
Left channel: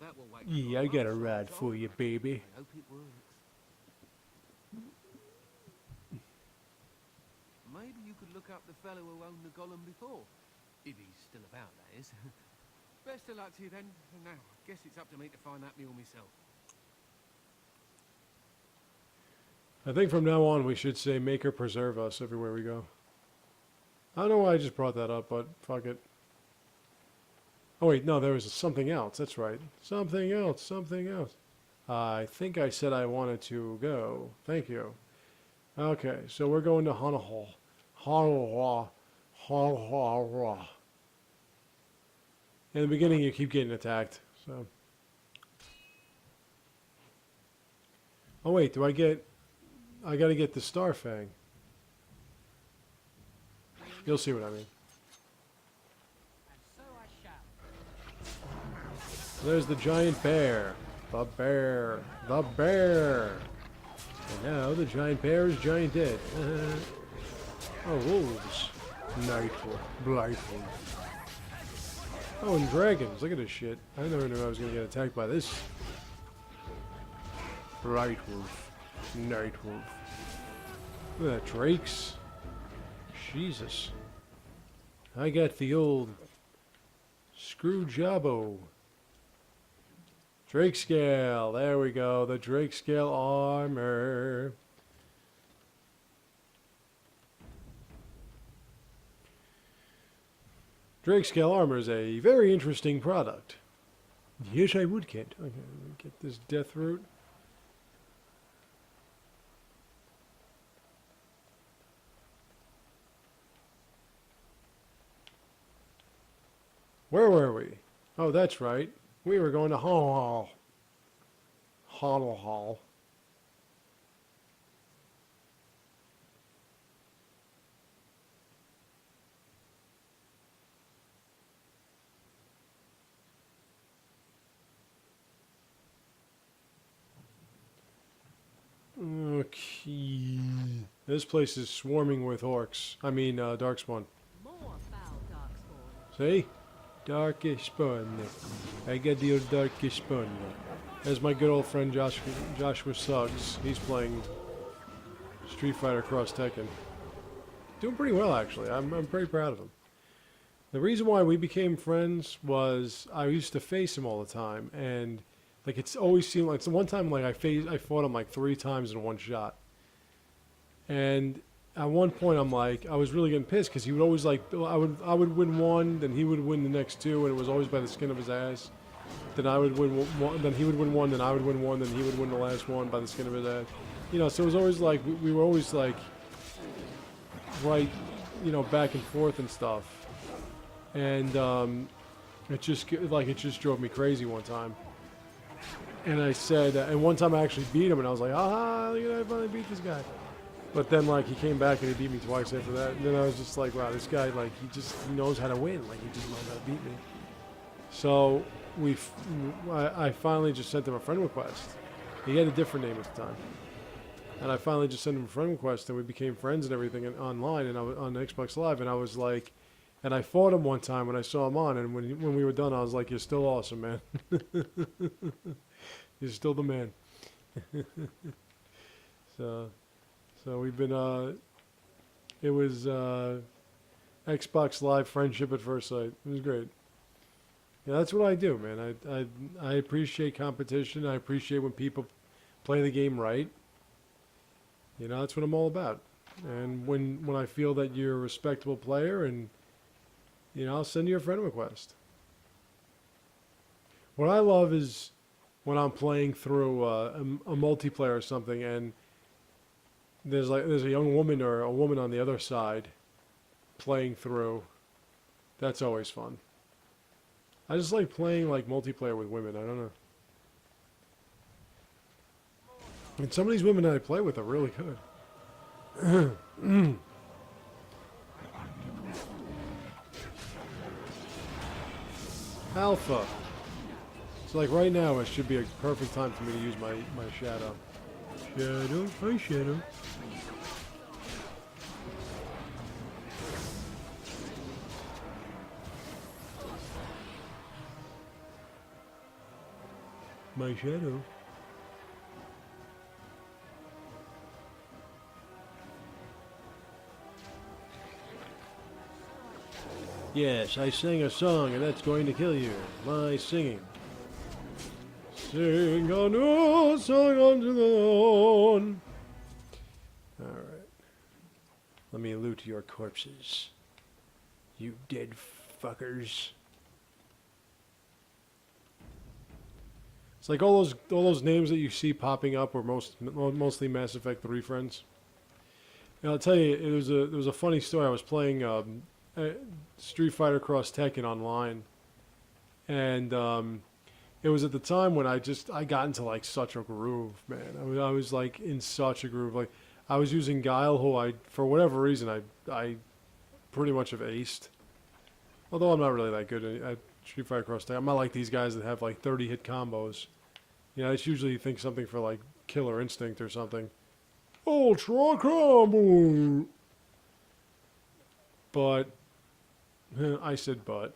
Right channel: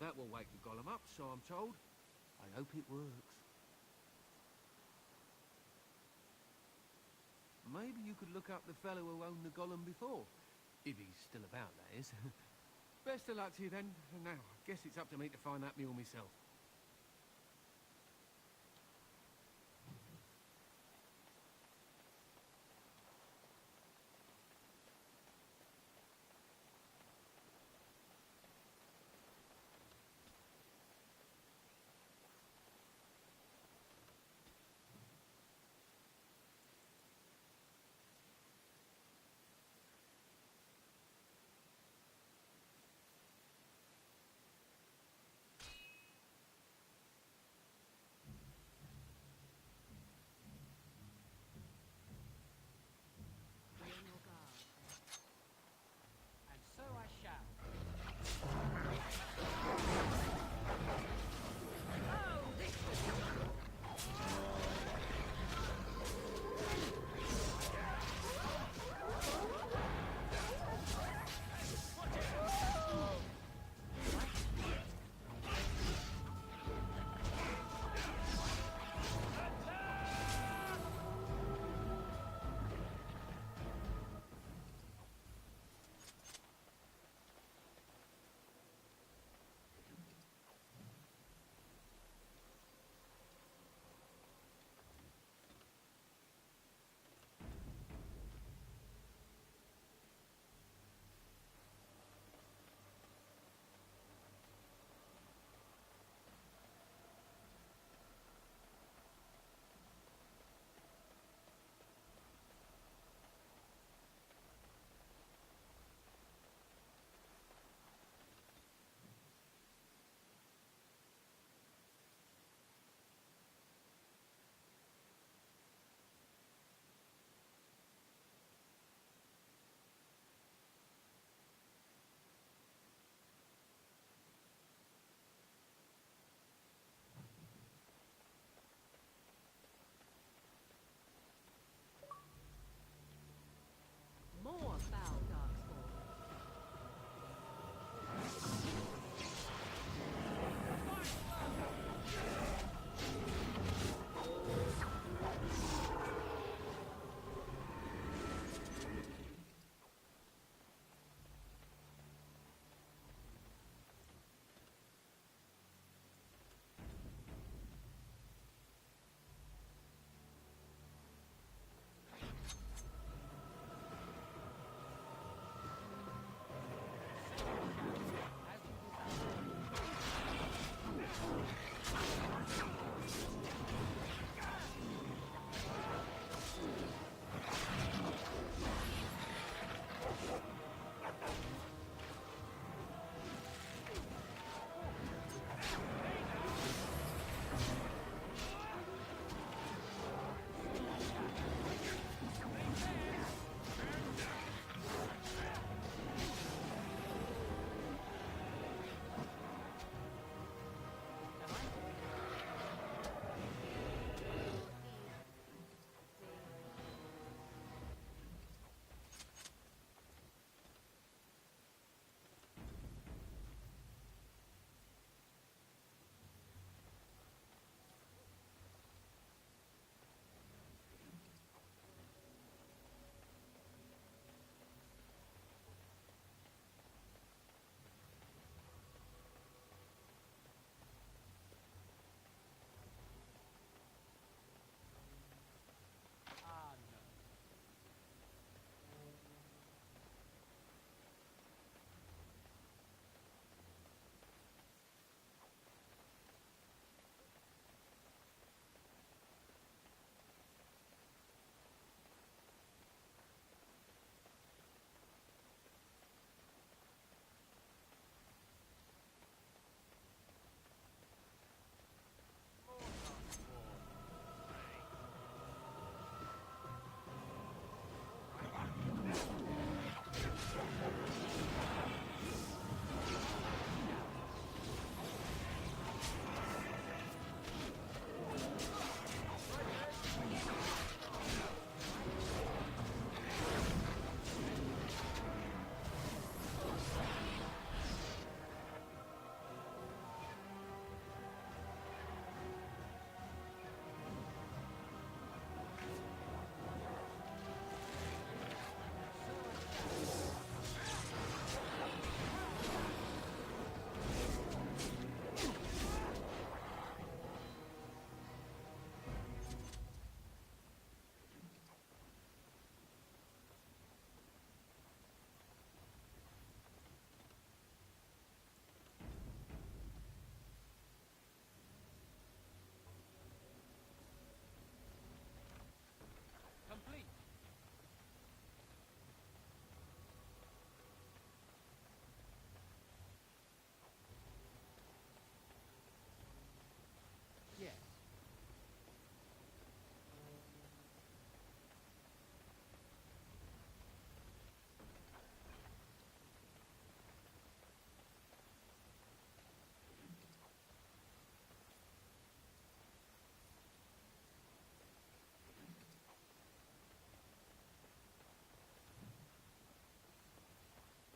That will wake the Yeah, I golem got up, a so I'm rod for told. you, baby. I hope it works. Maybe you could look up the fellow who owned the golem before. If he's still about, that is. Best of luck to you then. And now, I guess it's up to me to find that mule myself. I think from now on we should say make or preserve us everywhere we go. I don't know why I just brought that up, but fuck it. Oh wait, no, there was something else. That's right. Something else. I think I said I wanted to go. Thank you. Okay, so we're going to Hanahal. Hanahal. In the beginning you keep getting attacked, so. Oh wait, do I get... I gotta get the Star Fang. You'll see what I mean. And so I shall. There's the giant bear. The bear. The bear. Now the giant bear is giant dead. Oh, wolves. Nightfall. Blightfall. Oh, and dragons. Look at this shit. I never knew I was gonna get attacked by this. Bright wolf. Night wolf. Look at that, drakes. Jesus. I got the old screw jobbo. Drake scale. There we go. The Drake scale armor. Drake scale armor is a very interesting product. Yes, I would, Kent. Okay, get this death root. Where were we? Oh, that's right. We were going to Hall. Hall. Okay. This place is swarming with orcs. I mean, darkspawn. More foul darkspawn. See? Darkish spawn. I get the old darkish spawn. There's my good old friend Joshua Suggs. He's playing Street Fighter Cross Tekken. Doing pretty well, actually. I'm pretty proud of him. The reason why we became friends was I used to face him all the time, and like it's always seemed like, so one time like I fought him like 3 times in one shot, and at one point I'm like, I was really getting pissed because he would always like, I would win one, then he would win the next 2, and it was always by the skin of his ass. Then I would win one, then he would win one, then I would win one, then he would win the last one by the skin of his ass. You know, so it was always like, we were always like, right, you know, back and forth and stuff. And it just drove me crazy one time. And I said, and one time I actually beat him, and I was like, ah, look at that, I finally beat this guy. But then, like, he came back and he beat me twice after that. And then I was just like, wow, this guy, like, he just knows how to win. Like, he just knows how to beat me. So I finally just sent him a friend request. He had a different name at the time. And I finally just sent him a friend request, and we became friends and everything online and on Xbox Live. And I was like, and I fought him one time when I saw him on, and when we were done, I was like, you're still awesome, man. You're still the man. So we've been, it was Xbox Live friendship at first sight. It was great. Yeah, that's what I do, man. I appreciate competition. I appreciate when people play the game right. You know, that's what I'm all about. And when I feel that you're a respectable player, and you know, I'll send you a friend request. What I love is when I'm playing through a multiplayer or something, and there's a young woman or a woman on the other side playing through. That's always fun. I just like playing like multiplayer with women. I don't know. And some of these women that I play with are really good. Alpha. It's like right now it should be a perfect time for me to use my shadow. Shadow, hi shadow. My shadow. Yes, I sing a song and that's going to kill you. My singing. Sing a new song unto the Lord. Alright. Let me loot your corpses. You dead fuckers. It's like all those names that you see popping up were mostly Mass Effect 3 friends. And I'll tell you, it was a funny story. I was playing Street Fighter Cross Tekken online, and it was at the time when I got into like such a groove, man. I was like in such a groove. Like I was using Guile, who for whatever reason I pretty much have aced. Although I'm not really that good at Street Fighter Cross Tag. I'm not like these guys that have like 30 hit combos. You know, it's usually you think something for like Killer Instinct or something. Ultra combo. But I said but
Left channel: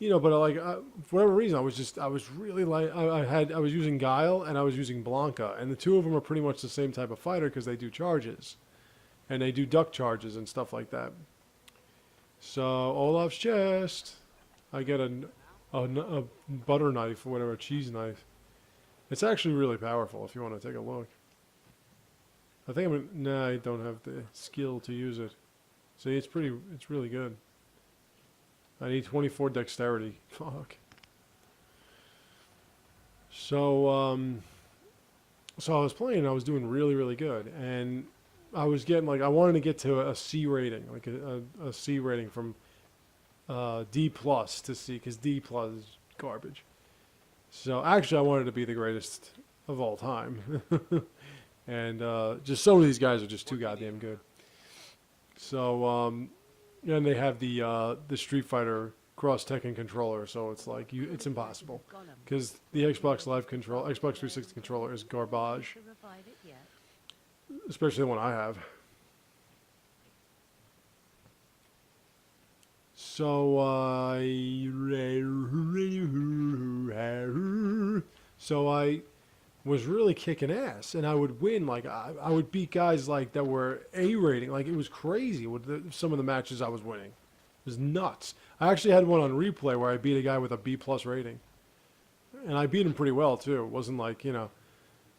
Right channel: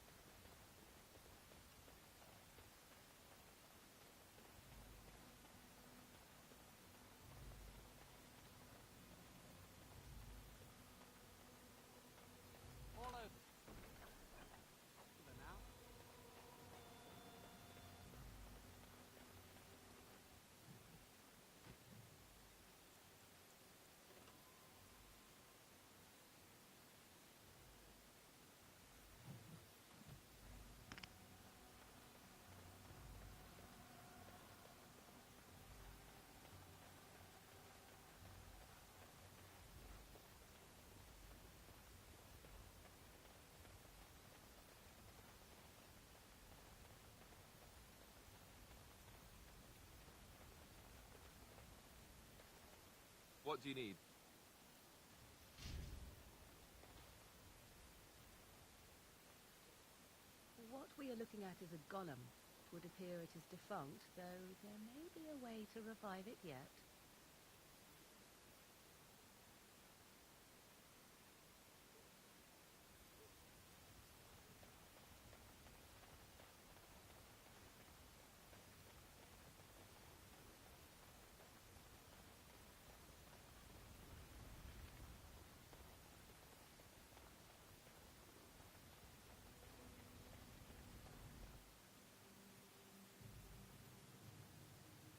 you know, but like for whatever reason, I was really like I was using Guile and I was using Blanca, and the two of them are pretty much the same type of fighter because they do charges, and they do duck charges and stuff like that. So Olaf's chest, I get a butter knife or whatever, a cheese knife. It's actually really powerful if you want to take a look. I think nah, I don't have the skill to use it. See, it's really good. I need 24 dexterity. Fuck. So, so I was playing, I was doing really, really good. And I was getting, like, I wanted to get to a C rating, like a C rating from D plus to C, because D plus is garbage. So, actually, I wanted to be the greatest of all time. And just some of these guys are just too goddamn good. So, and they have the Street Fighter Cross Tekken controller, so it's like it's impossible because the Xbox Live control, Xbox 360 controller is garbage, especially the one I have. So I was really kicking ass, and I would win. Like I would beat guys like that were A rating. Like it was crazy with some of the matches I was winning. It was nuts. I actually had one on replay where I beat a guy with a B plus rating, and I beat him pretty well too. It wasn't like, you know.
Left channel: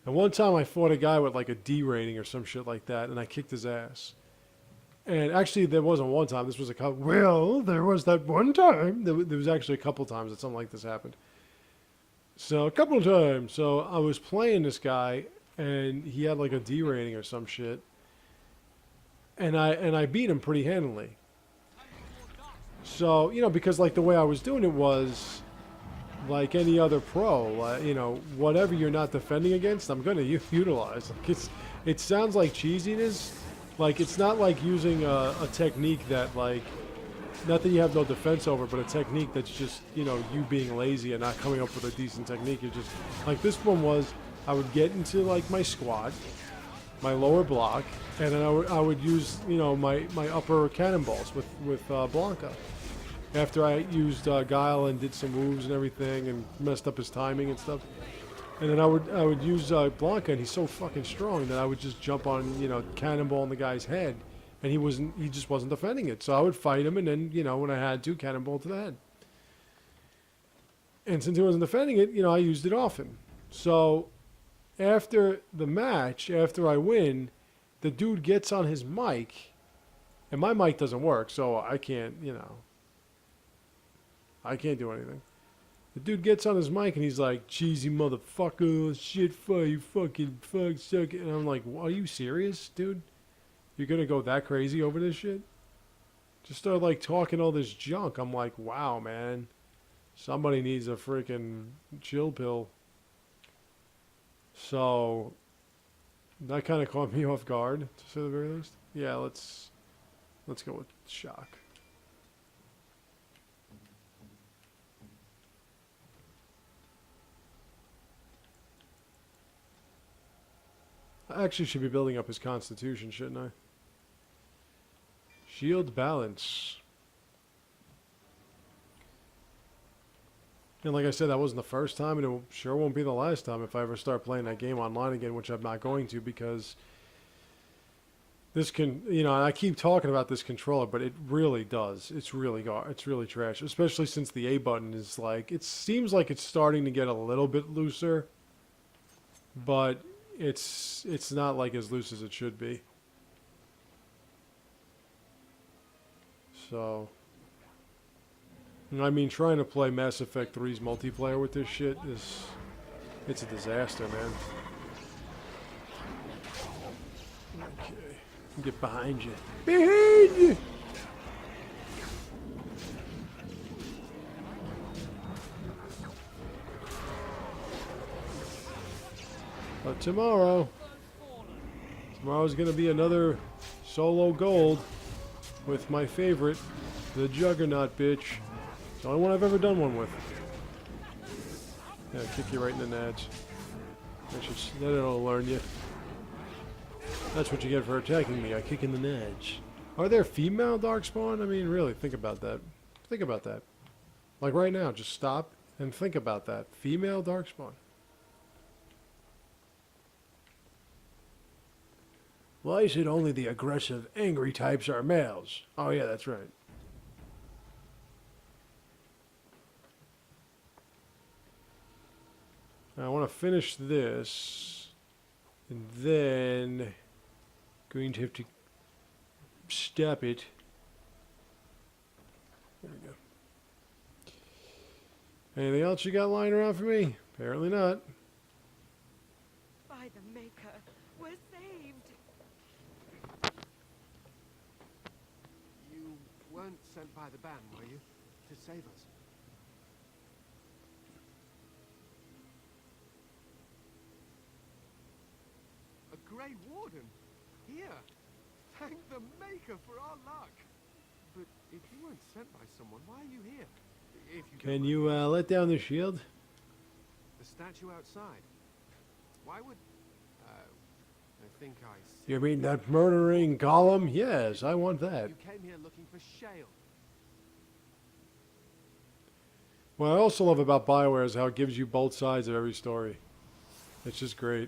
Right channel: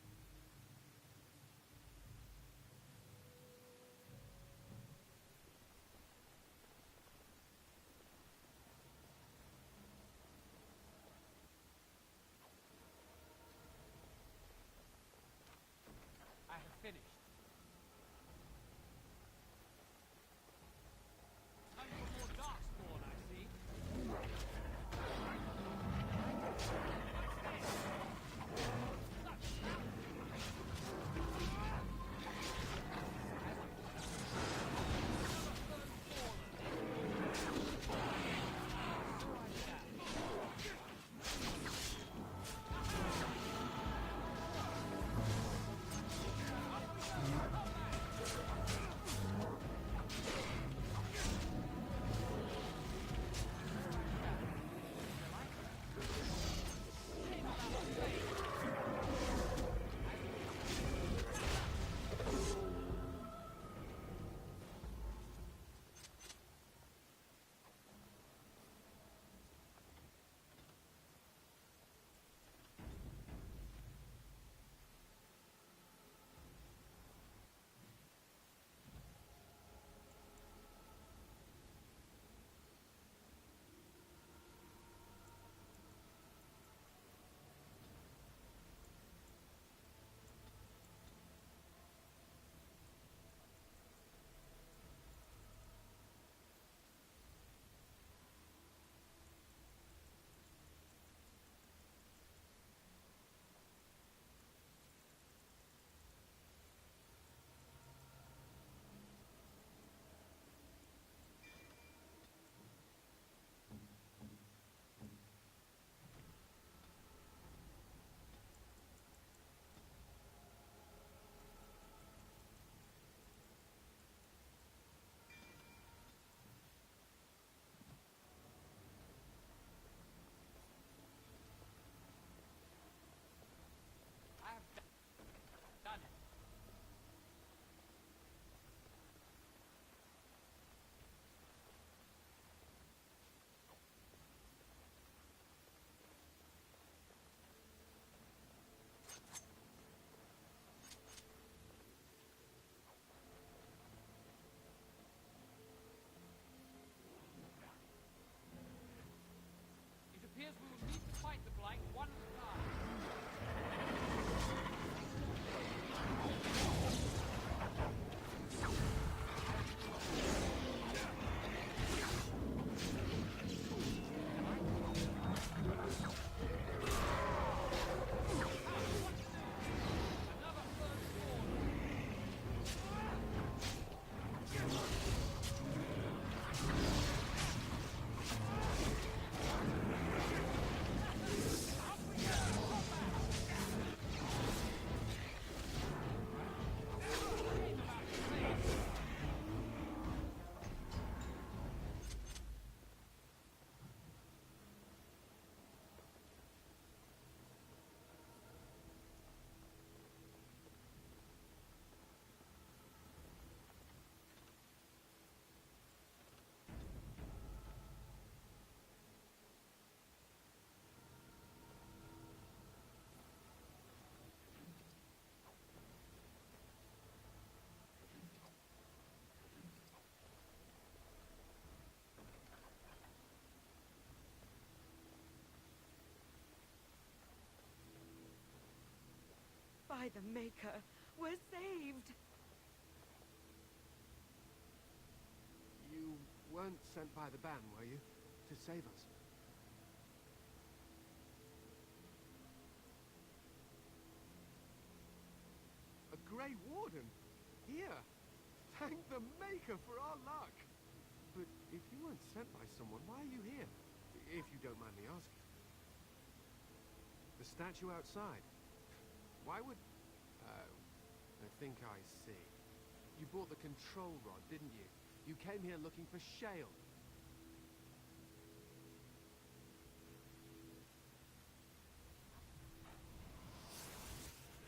And one time I fought a guy with like a D rating or some shit like that, and I kicked his ass. And actually, there wasn't one time. This was a couple. Well, there was that one time. There was actually a couple times that something like this happened. So a couple of times. So I was playing this guy, and he had like a D rating or some shit, and I beat him pretty handily. So, you know, because like the way I was doing it was like any other pro, you know, whatever you're not defending against, I'm gonna utilize. Like it sounds like cheesiness. Like it's not like using a technique that like. Not that you have no defense over, but a technique that's just, you know, you being lazy and not coming up with a decent technique. You're just, like this one was, I would get into like my squat, my lower block, and then I would use, you know, my upper cannonballs with Blanca. After I used Guile and did some moves and everything and messed up his timing and stuff. And then I would use Blanca, and he's so fucking strong that I would just jump on, you know, cannonball in the guy's head. And he just wasn't defending it. So I would fight him, and then, you know, when I had to, cannonball to the head. And since he wasn't defending it, you know, I used it often. So after the match, after I win, the dude gets on his mic, and my mic doesn't work, so I can't, you know, I can't do anything. The dude gets on his mic, and he's like, cheesy motherfucker, shit for you, fucking fuck, suck it. And I'm like, are you serious, dude? You're gonna go that crazy over this shit? Just start like talking all this junk. I'm like, wow, man. Somebody needs a freaking chill pill. So that kind of caught me off guard, to say the very least. Yeah, let's go with shock. I actually should be building up his constitution, shouldn't I? Shield balance. And like I said, that wasn't the first time, and it sure won't be the last time if I ever start playing that game online again, which I'm not going to, because this can, you know, and I keep talking about this controller, but it really does. It's really trash, especially since the A button is like, it seems like it's starting to get a little bit looser, but it's not like as loose as it should be. So, I mean, trying to play Mass Effect 3's multiplayer with this shit it's a disaster, man. Okay, get behind you. Behind you! tomorrow. Tomorrow's gonna be another solo gold with my favorite, the Juggernaut bitch. The only one I've ever done one with. Yeah, kick you right in the nuts. That'll learn you. That's what you get for attacking me. I kick in the nuts. Are there female Darkspawn? I mean, really, think about that. Think about that. Like right now, just stop and think about that. Female Darkspawn. Why is it only the aggressive, angry types are males? Oh yeah, that's right. Now, I want to finish this, and then going to have to stop it. There we go. Anything else you got lying around for me? Apparently not. By the Maker, we're saved. You weren't sent by the ban, were you? To save us? A Grey Warden? Here! Thank the Maker for our luck! But if you weren't sent by someone, why are you here? If you don't Can mind you me asking. let down the shield? The statue outside. Why would... I think I see. You mean that murdering golem? Yes, I want that. You came here looking for Shale. What I also love about BioWare is how it gives you both sides of every story. It's just great.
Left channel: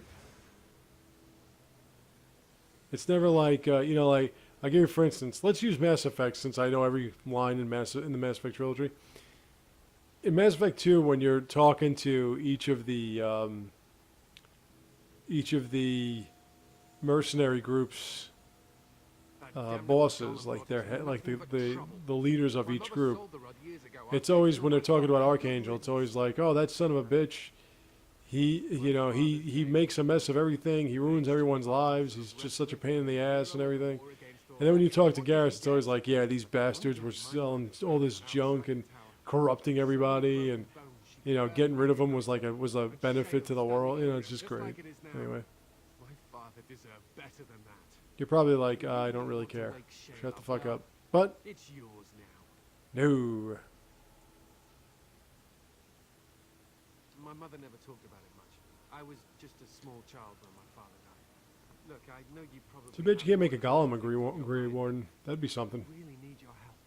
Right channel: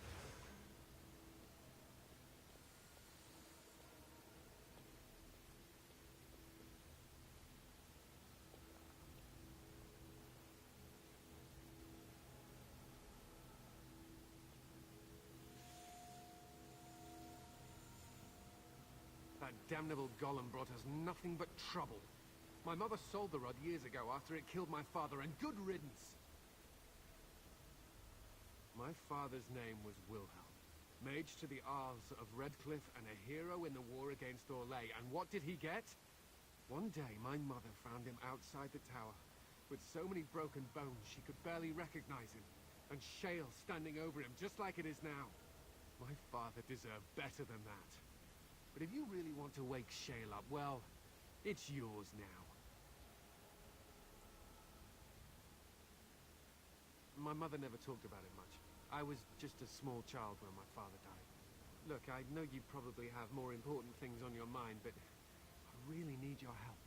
It's never like, you know, like, I'll give you for instance, let's use Mass Effect since I know every line in the Mass Effect trilogy. In Mass Effect 2, when you're talking to each of the mercenary groups, bosses, like their like the leaders of each group, it's always when they're talking about Archangel, it's always like, oh, that son of a bitch, he makes a mess of everything, he ruins everyone's lives, he's just such a pain in the ass and everything. And then when you talk to Garrus, it's always like, yeah, these bastards were selling all this junk and corrupting everybody, and you know, getting rid of them was a benefit to the world. You know, it's just great. Anyway. My father deserved better than that. You're probably like, I don't really care. Shut the fuck up. But It's yours now. no. My mother never talked about it much. I was just a small child when my father died. Look, I know you probably. It's a bitch you can't have make a more golem important agree things on your mind, warden. That'd be something. but I really need your help.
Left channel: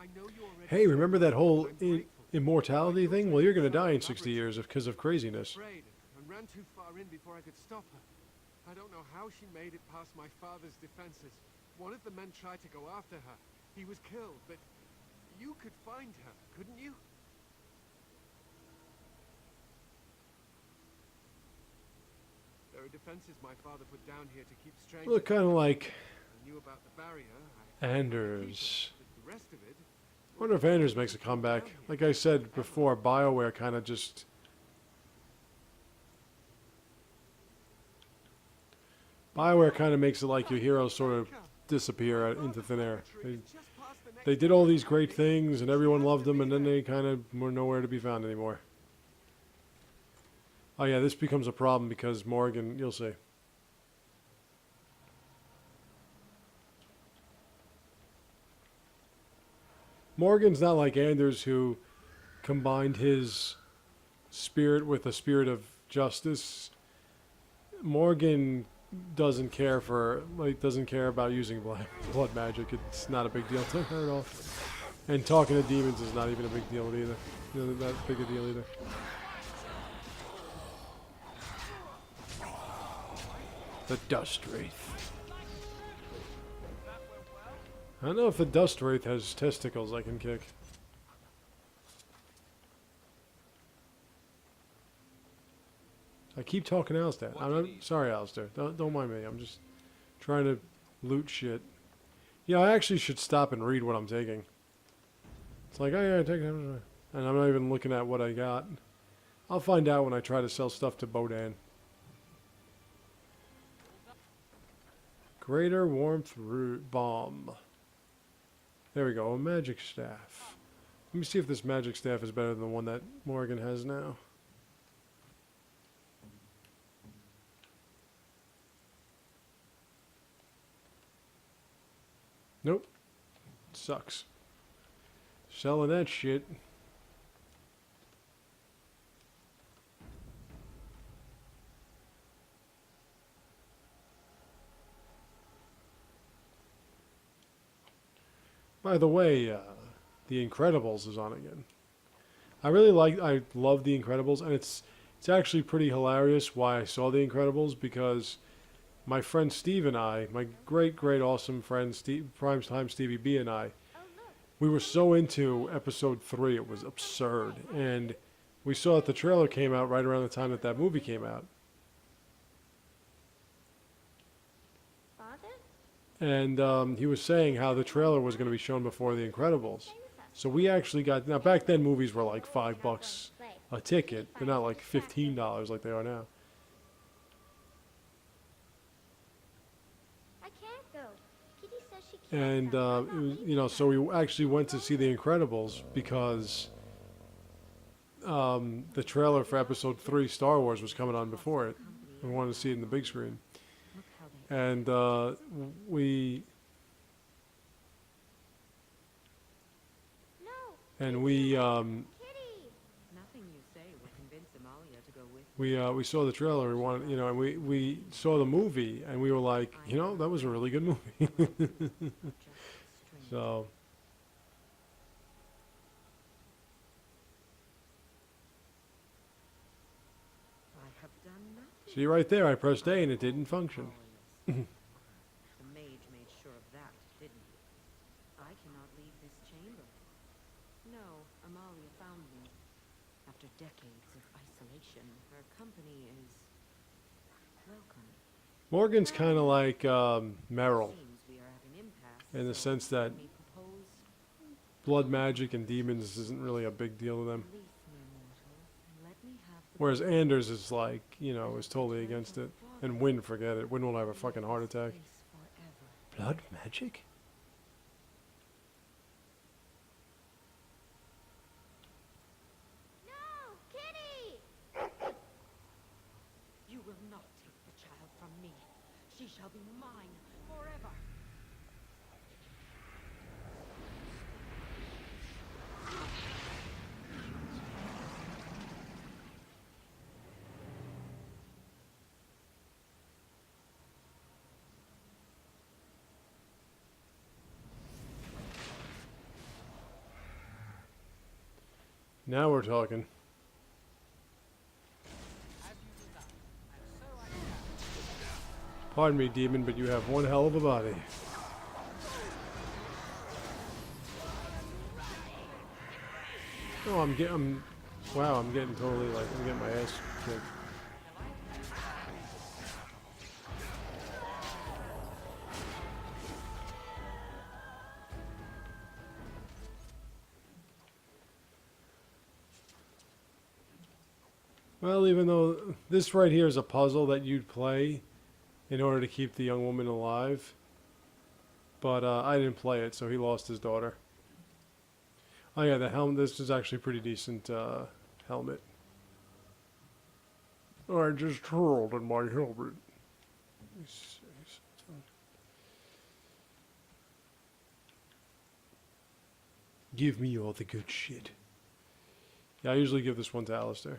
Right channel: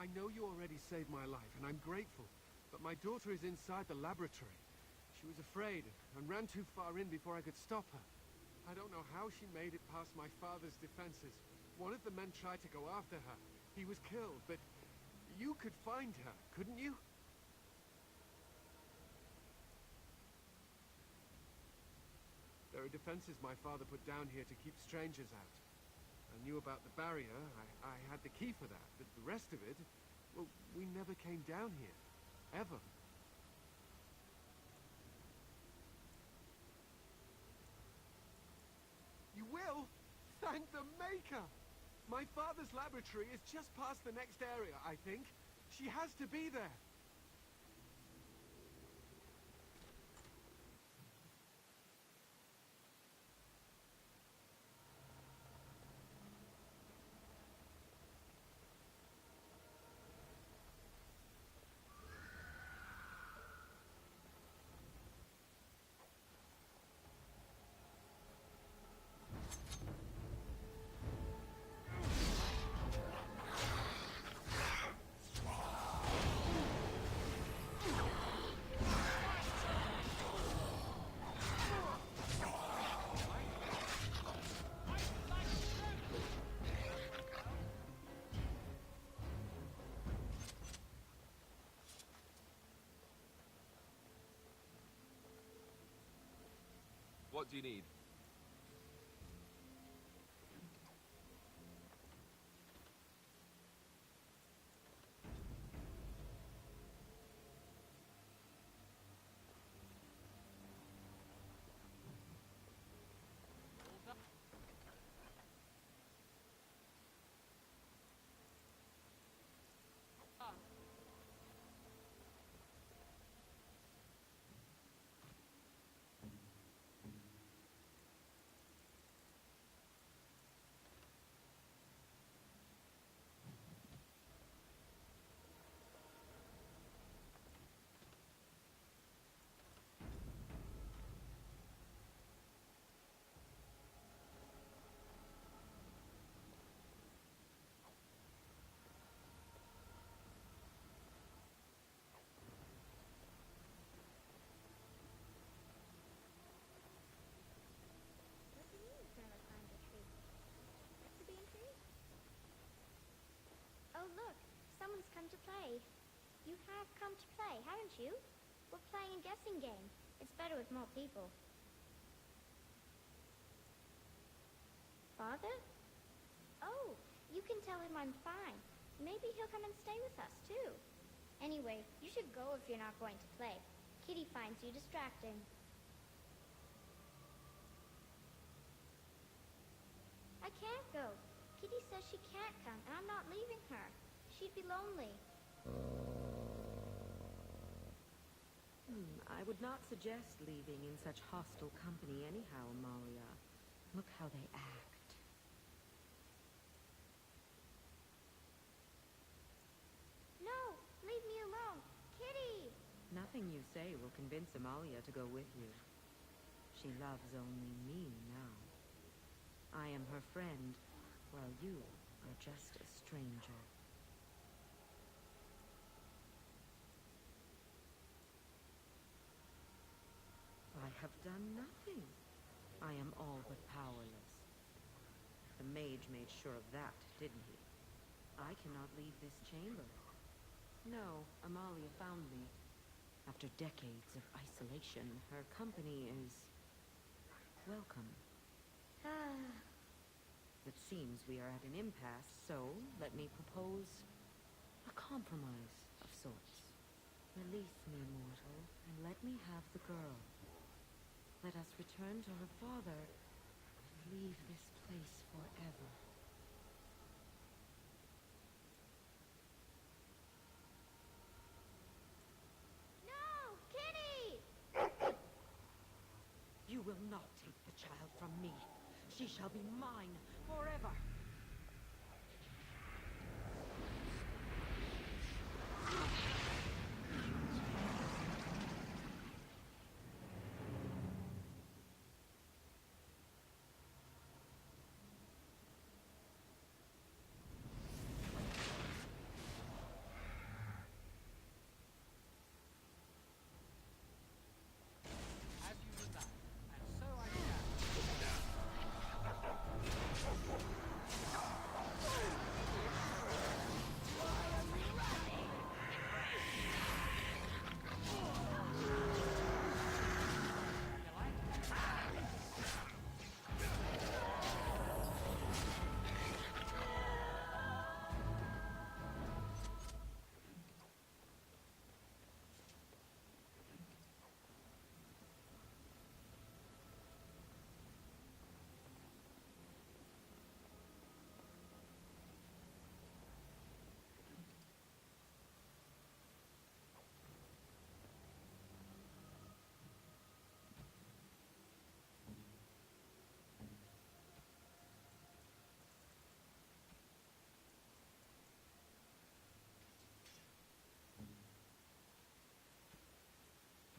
I know you already. Hey, saved remember my that life, whole and I'm grateful. immortality My thing? daughter Well, is you're gonna inside die in the 60 laboratory. years because of craziness. Afraid and ran too far in before I could stop her. I don't know how she made it past my father's defenses. One of the men tried to go after her. He was killed, but you could find her, couldn't you? There are defenses my father put down here to keep strangers. Look kind of like I knew about the barrier. I had the key for Anders. that, but the rest of it. I wonder if Anders makes a comeback. Like I said before, BioWare kind of just... BioWare kind of makes it like your heroes sort of disappear into thin air. They did all these great things and everyone loved them, and then they kind of were nowhere to be found anymore. Oh yeah, this becomes a problem because Morgan, you'll see. Morgan's not like Anders, who combined his spirit with a spirit of justice. Morgan doesn't care about using blood magic. It's not a big deal to her at all. And talking to demons is not even a big deal either. Not big a deal either. The Dust Wraith. I don't know if the Dust Wraith has testicles I can kick. I keep talking to Alistair. What do you need? Sorry, Alistair. Don't mind me. I'm just trying to loot shit. Yeah, I actually should stop and read what I'm taking. It's like, oh yeah, take it. And I'm not even looking at what I got. I'll find out when I try to sell stuff to Bodan. Greater Warmth Root Bomb. There we go, a magic staff. Let me see if this magic staff is better than the one that Morgan has now. Nope. Sucks. Selling that shit. By the way, The Incredibles is on again. I love The Incredibles, and it's actually pretty hilarious why I saw The Incredibles, because my friend Steve and I, my great awesome friend Steve, Primetime Stevie B and I, we were so into episode 3, it was absurd, and we saw that the trailer came out right around the time that that movie came out. Father? And he was saying how the trailer was going to be shown before The Incredibles. So we actually got, now back then movies were like $5 a ticket. They're not like $15 like they are now. I can't go. Kitty says she can't And, come. I'm not leaving you know, her. so we actually went to see The Incredibles because the trailer for episode 3 Star Wars was coming on before it. We wanted to see it in the big screen. Look how they And we No. Kitty. Nothing you say will convince Amalia to go with you. we saw the trailer. We wanted, you know, and we saw the movie, and we were like, you know, that was a really good movie. While you are just a stranger. So I have done nothing. see right there, I pressed A I'm and it didn't all function. powerless. The mage made sure of that, didn't he? I cannot leave this chamber. No, Amalia found me. After decades of isolation, her company is welcome. Morgan's kind of like Meryl, Seems we are at an impasse. in the so sense that let me propose blood magic and demons isn't really a big deal to them. release me, mortal, and let me have the Whereas gold. Anders is like, you know, Let is us totally return against to it. our And father. Wynn, forget it. Wynn will have a Leave fucking heart this attack. place forever. Blood magic? No, Kitty. You will not take the child from me. She shall be mine forever. Now we're talking. As you desire, and so I shall. Pardon me, demon, but you have one hell of a body. Oh, wow, I'm getting totally like, I'm getting my ass kicked. Well, even though this right here is a puzzle that you'd play in order to keep the young woman alive, but I didn't play it, so he lost his daughter. Oh yeah, the helmet, this is actually a pretty decent helmet. I just hurled in my helmet. Give me all the good shit. Yeah, I usually give this one to Alistair.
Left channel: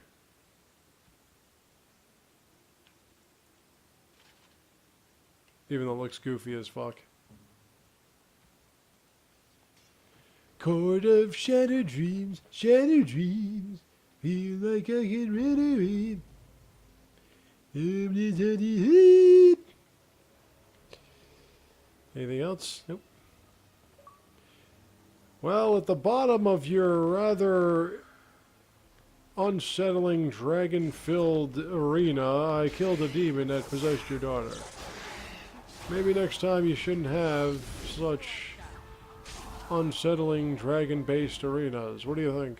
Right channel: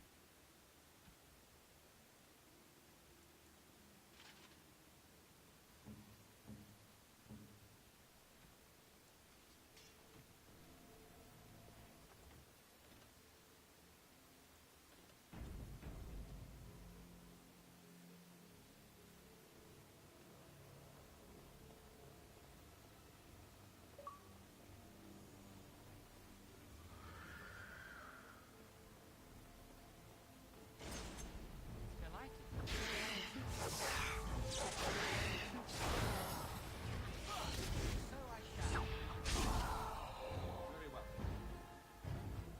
Even though it looks goofy as fuck. Court of shattered dreams, feel like I can really read. Anything else? Nope. Well, at the bottom of your rather unsettling dragon-filled arena, I killed a demon that possessed your daughter. Maybe next time you shouldn't have such unsettling dragon-based arenas. What do you think?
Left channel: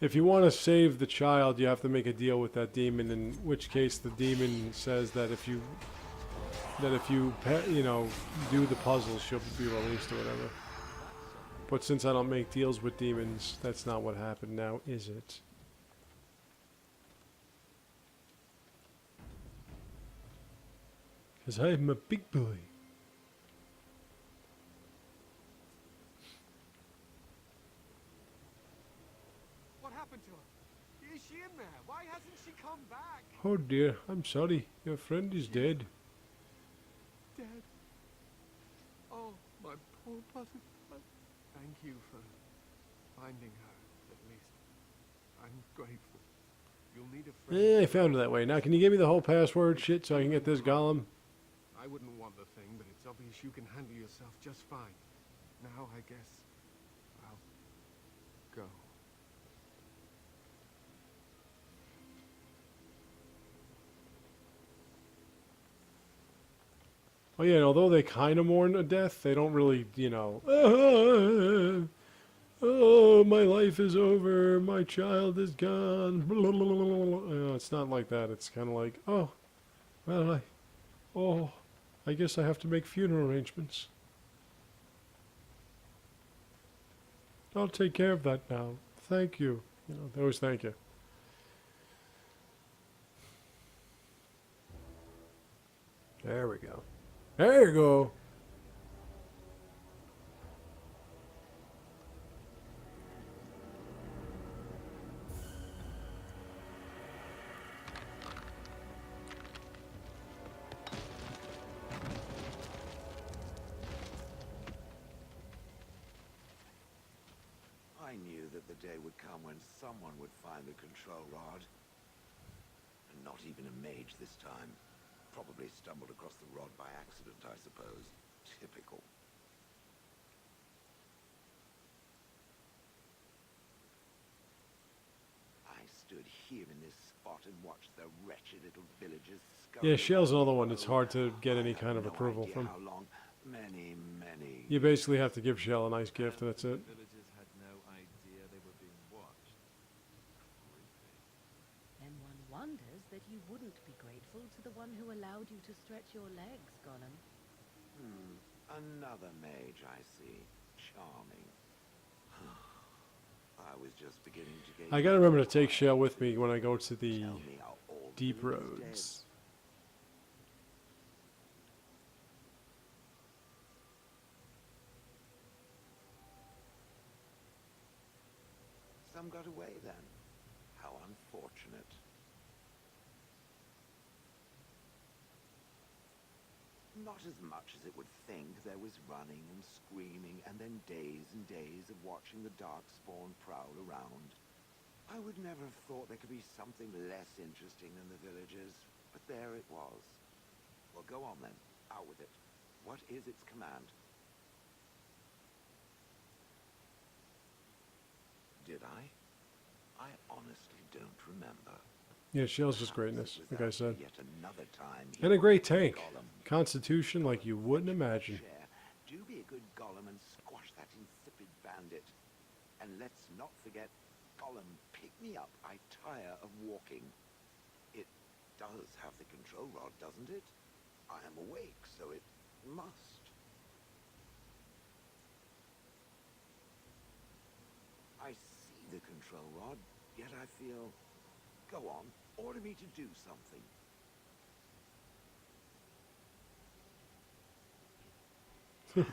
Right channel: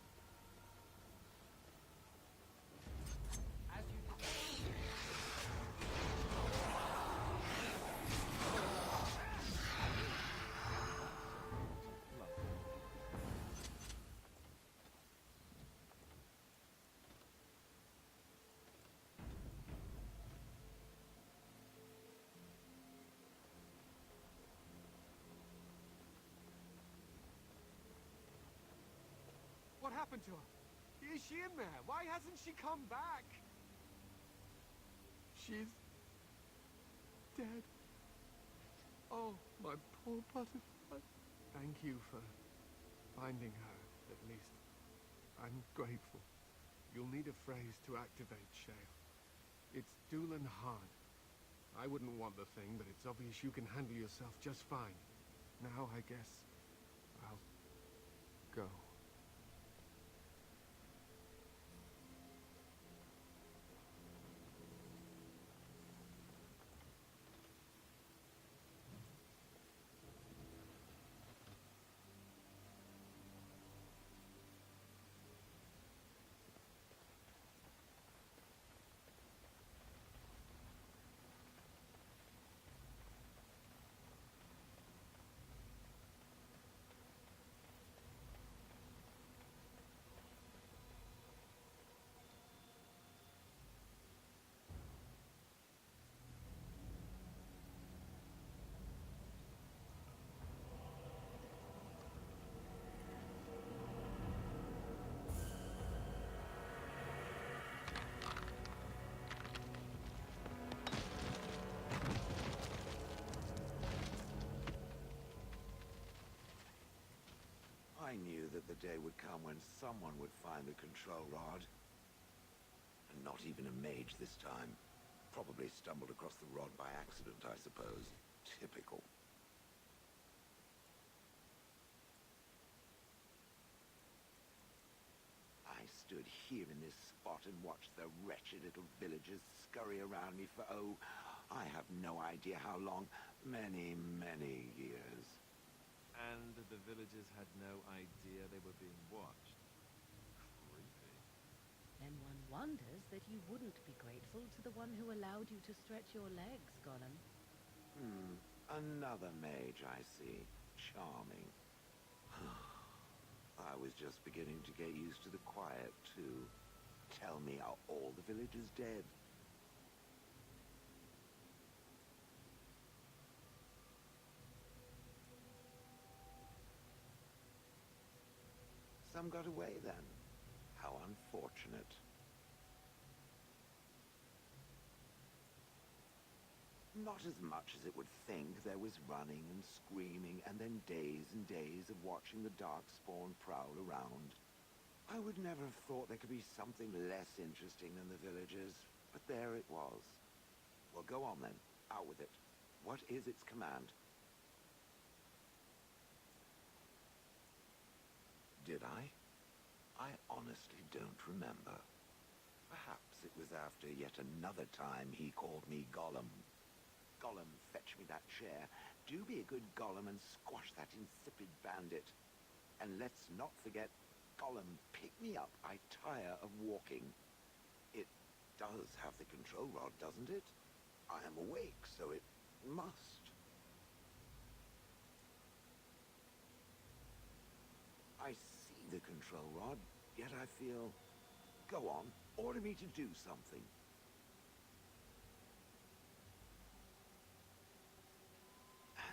If you want to save the child, you have to make a deal with that demon, in which case the demon says that if you that if you, you know, do the puzzles, she'll be released or whatever. But since I don't make deals with demons, that's not what happened now, is it? Because I'm a big boy. What happened to her? Is she in there? Why hasn't she come back? Oh dear, I'm sorry. Your friend is She's dead. Dead. Oh, my poor butterfly. Thank you for finding her, at least. I'm grateful. You'll need a friend. Yeah, I to found it that way. Now, can you give me the whole password shit so I can get this golem? I wouldn't want the thing, but it's obvious you can handle yourself just fine. Now, I guess I'll go. Oh yeah, and although they kind of mourn a death, they don't really, you know, oh, my life is over, my child is gone. It's not like that. It's kind of like, oh, well, I guess I have to make funeral arrangements. I'll take care of that now. Thank you. You know, they always thank you. There we go. There you go. I knew that the day would come when someone would find the control rod. And not even a mage this time. Probably stumbled across the rod by accident, I suppose. Typical. I stood here in this spot and watched the wretched little villagers scurry. Yeah, Shell's around another me one for, that's hard to get any I kind have of no approval idea from. how long. Many You basically years. have to give Shell a nice gift and that's it. The villagers had no idea they were being watched. Creepy. Then one wonders that you wouldn't be grateful to the one who allowed you to stretch your legs, Gollum. Another mage, I see. Charming. I was just beginning to get I gotta used remember to take quiet, Shell with me too. when I go to the Tell me how all the deep village is dead. roads. Some got away then. How unfortunate. Not as much as it would think. There was running and screaming, and then days and days of watching the Darkspawn prowl around. I would never have thought there could be something less interesting than the villagers, but there it was. Well, go on then. Out with it. What is its command? Did I? I honestly don't remember. Yeah, Shell's just Perhaps greatness, it was like I after said. Yet another time he And a great called me tank. Gollum. Constitution like you Gollum, wouldn't fetch me that imagine. chair. Do be a good Gollum and squash that insipid bandit. And let's not forget, Gollum, pick me up. I tire of walking. It does have the control rod, doesn't it? I am awake, so it must. I see the control rod, yet I feel... Go on, order me to do something.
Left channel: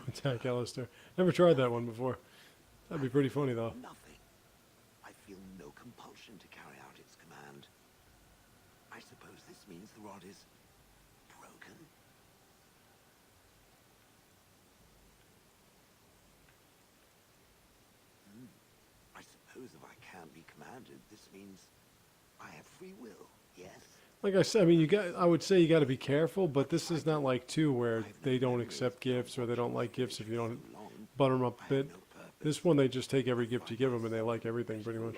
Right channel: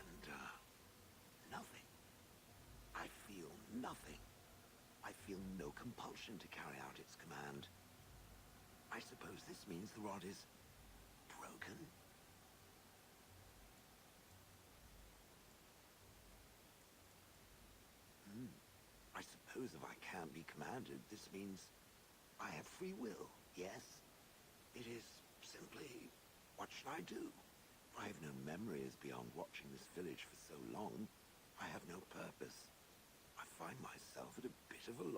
Attack Alistair. Never tried that one before. That'd be pretty funny though. Nothing. I feel no compulsion to carry out its command. I suppose this means the rod is broken. I suppose if I can't be commanded, this means I have free will, yes? Like I said, I mean, I would say you got to be careful, but this is not like two where they don't accept gifts or they don't like gifts if you don't butter them up a bit. This one, they just take every gift you give them and they like everything pretty much.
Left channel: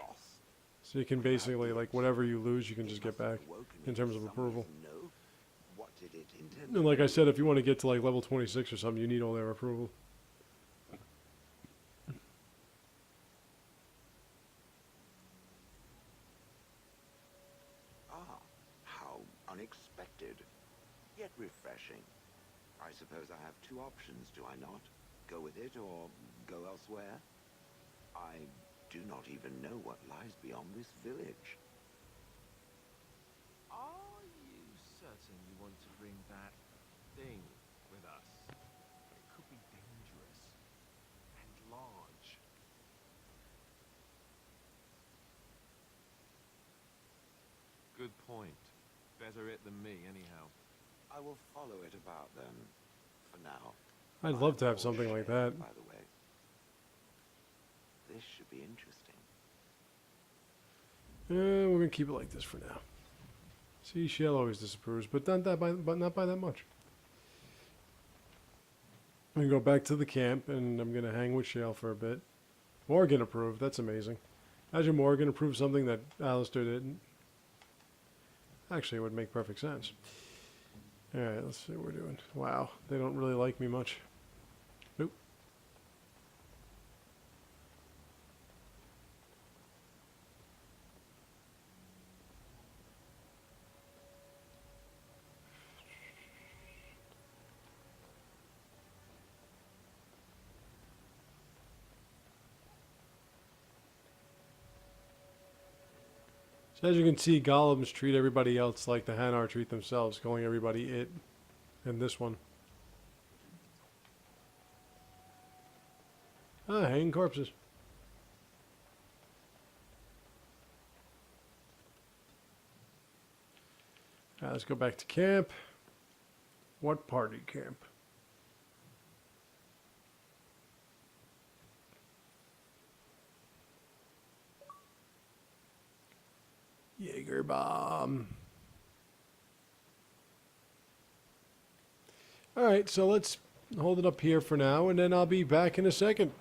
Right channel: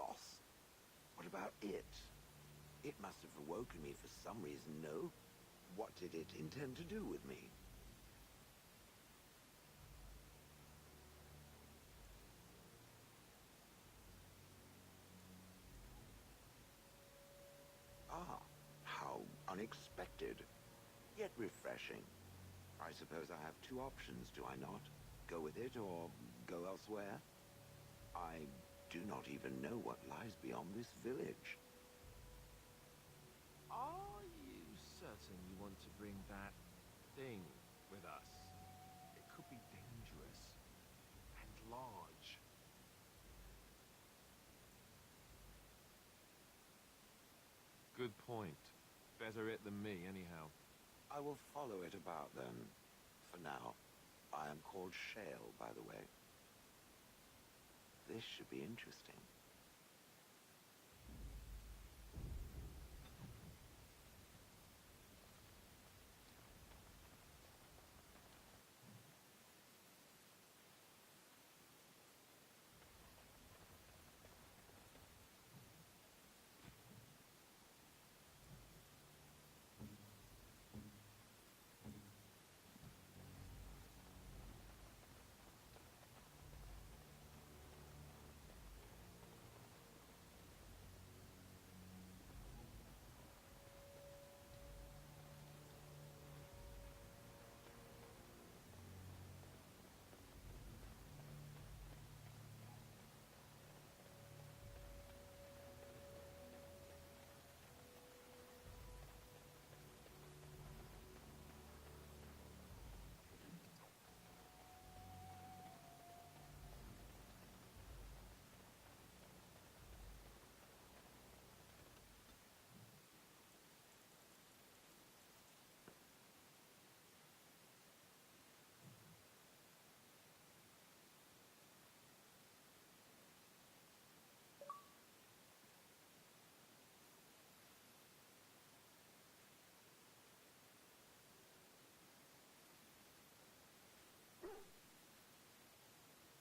So you can basically, like, whatever you lose, you can just get back in terms of approval. What did it intend And like I said, if you want to get to like level 26 or something, you need all their approval. Ah, how unexpected, yet refreshing. I suppose I have two options, do I not? Go with it or go elsewhere? I do not even know what lies beyond this village. Are you certain you want to bring that thing with us? It could be dangerous and large. Good point. Better it than me, anyhow. I will follow it about then, for now. I'd love to I'm have something like Shale, that. by the way. This should be interesting. We're gonna keep it like this for now. See, Shale always disapproves, but not by that much. I'm gonna go back to the camp, and I'm gonna hang with Shale for a bit. Morgan approved. That's amazing. Imagine Morgan approved something that Alistair didn't. Actually, it would make perfect sense. All right, let's see what we're doing. Wow, they don't really like me much. Nope. So as you can see, golems treat everybody else like the Hanar treat themselves, calling everybody it. And this one. Ah, hanging corpses. Let's go back to camp. What party camp? Jaeger bomb. All right, so let's hold it up here for now, and then I'll be back in a second.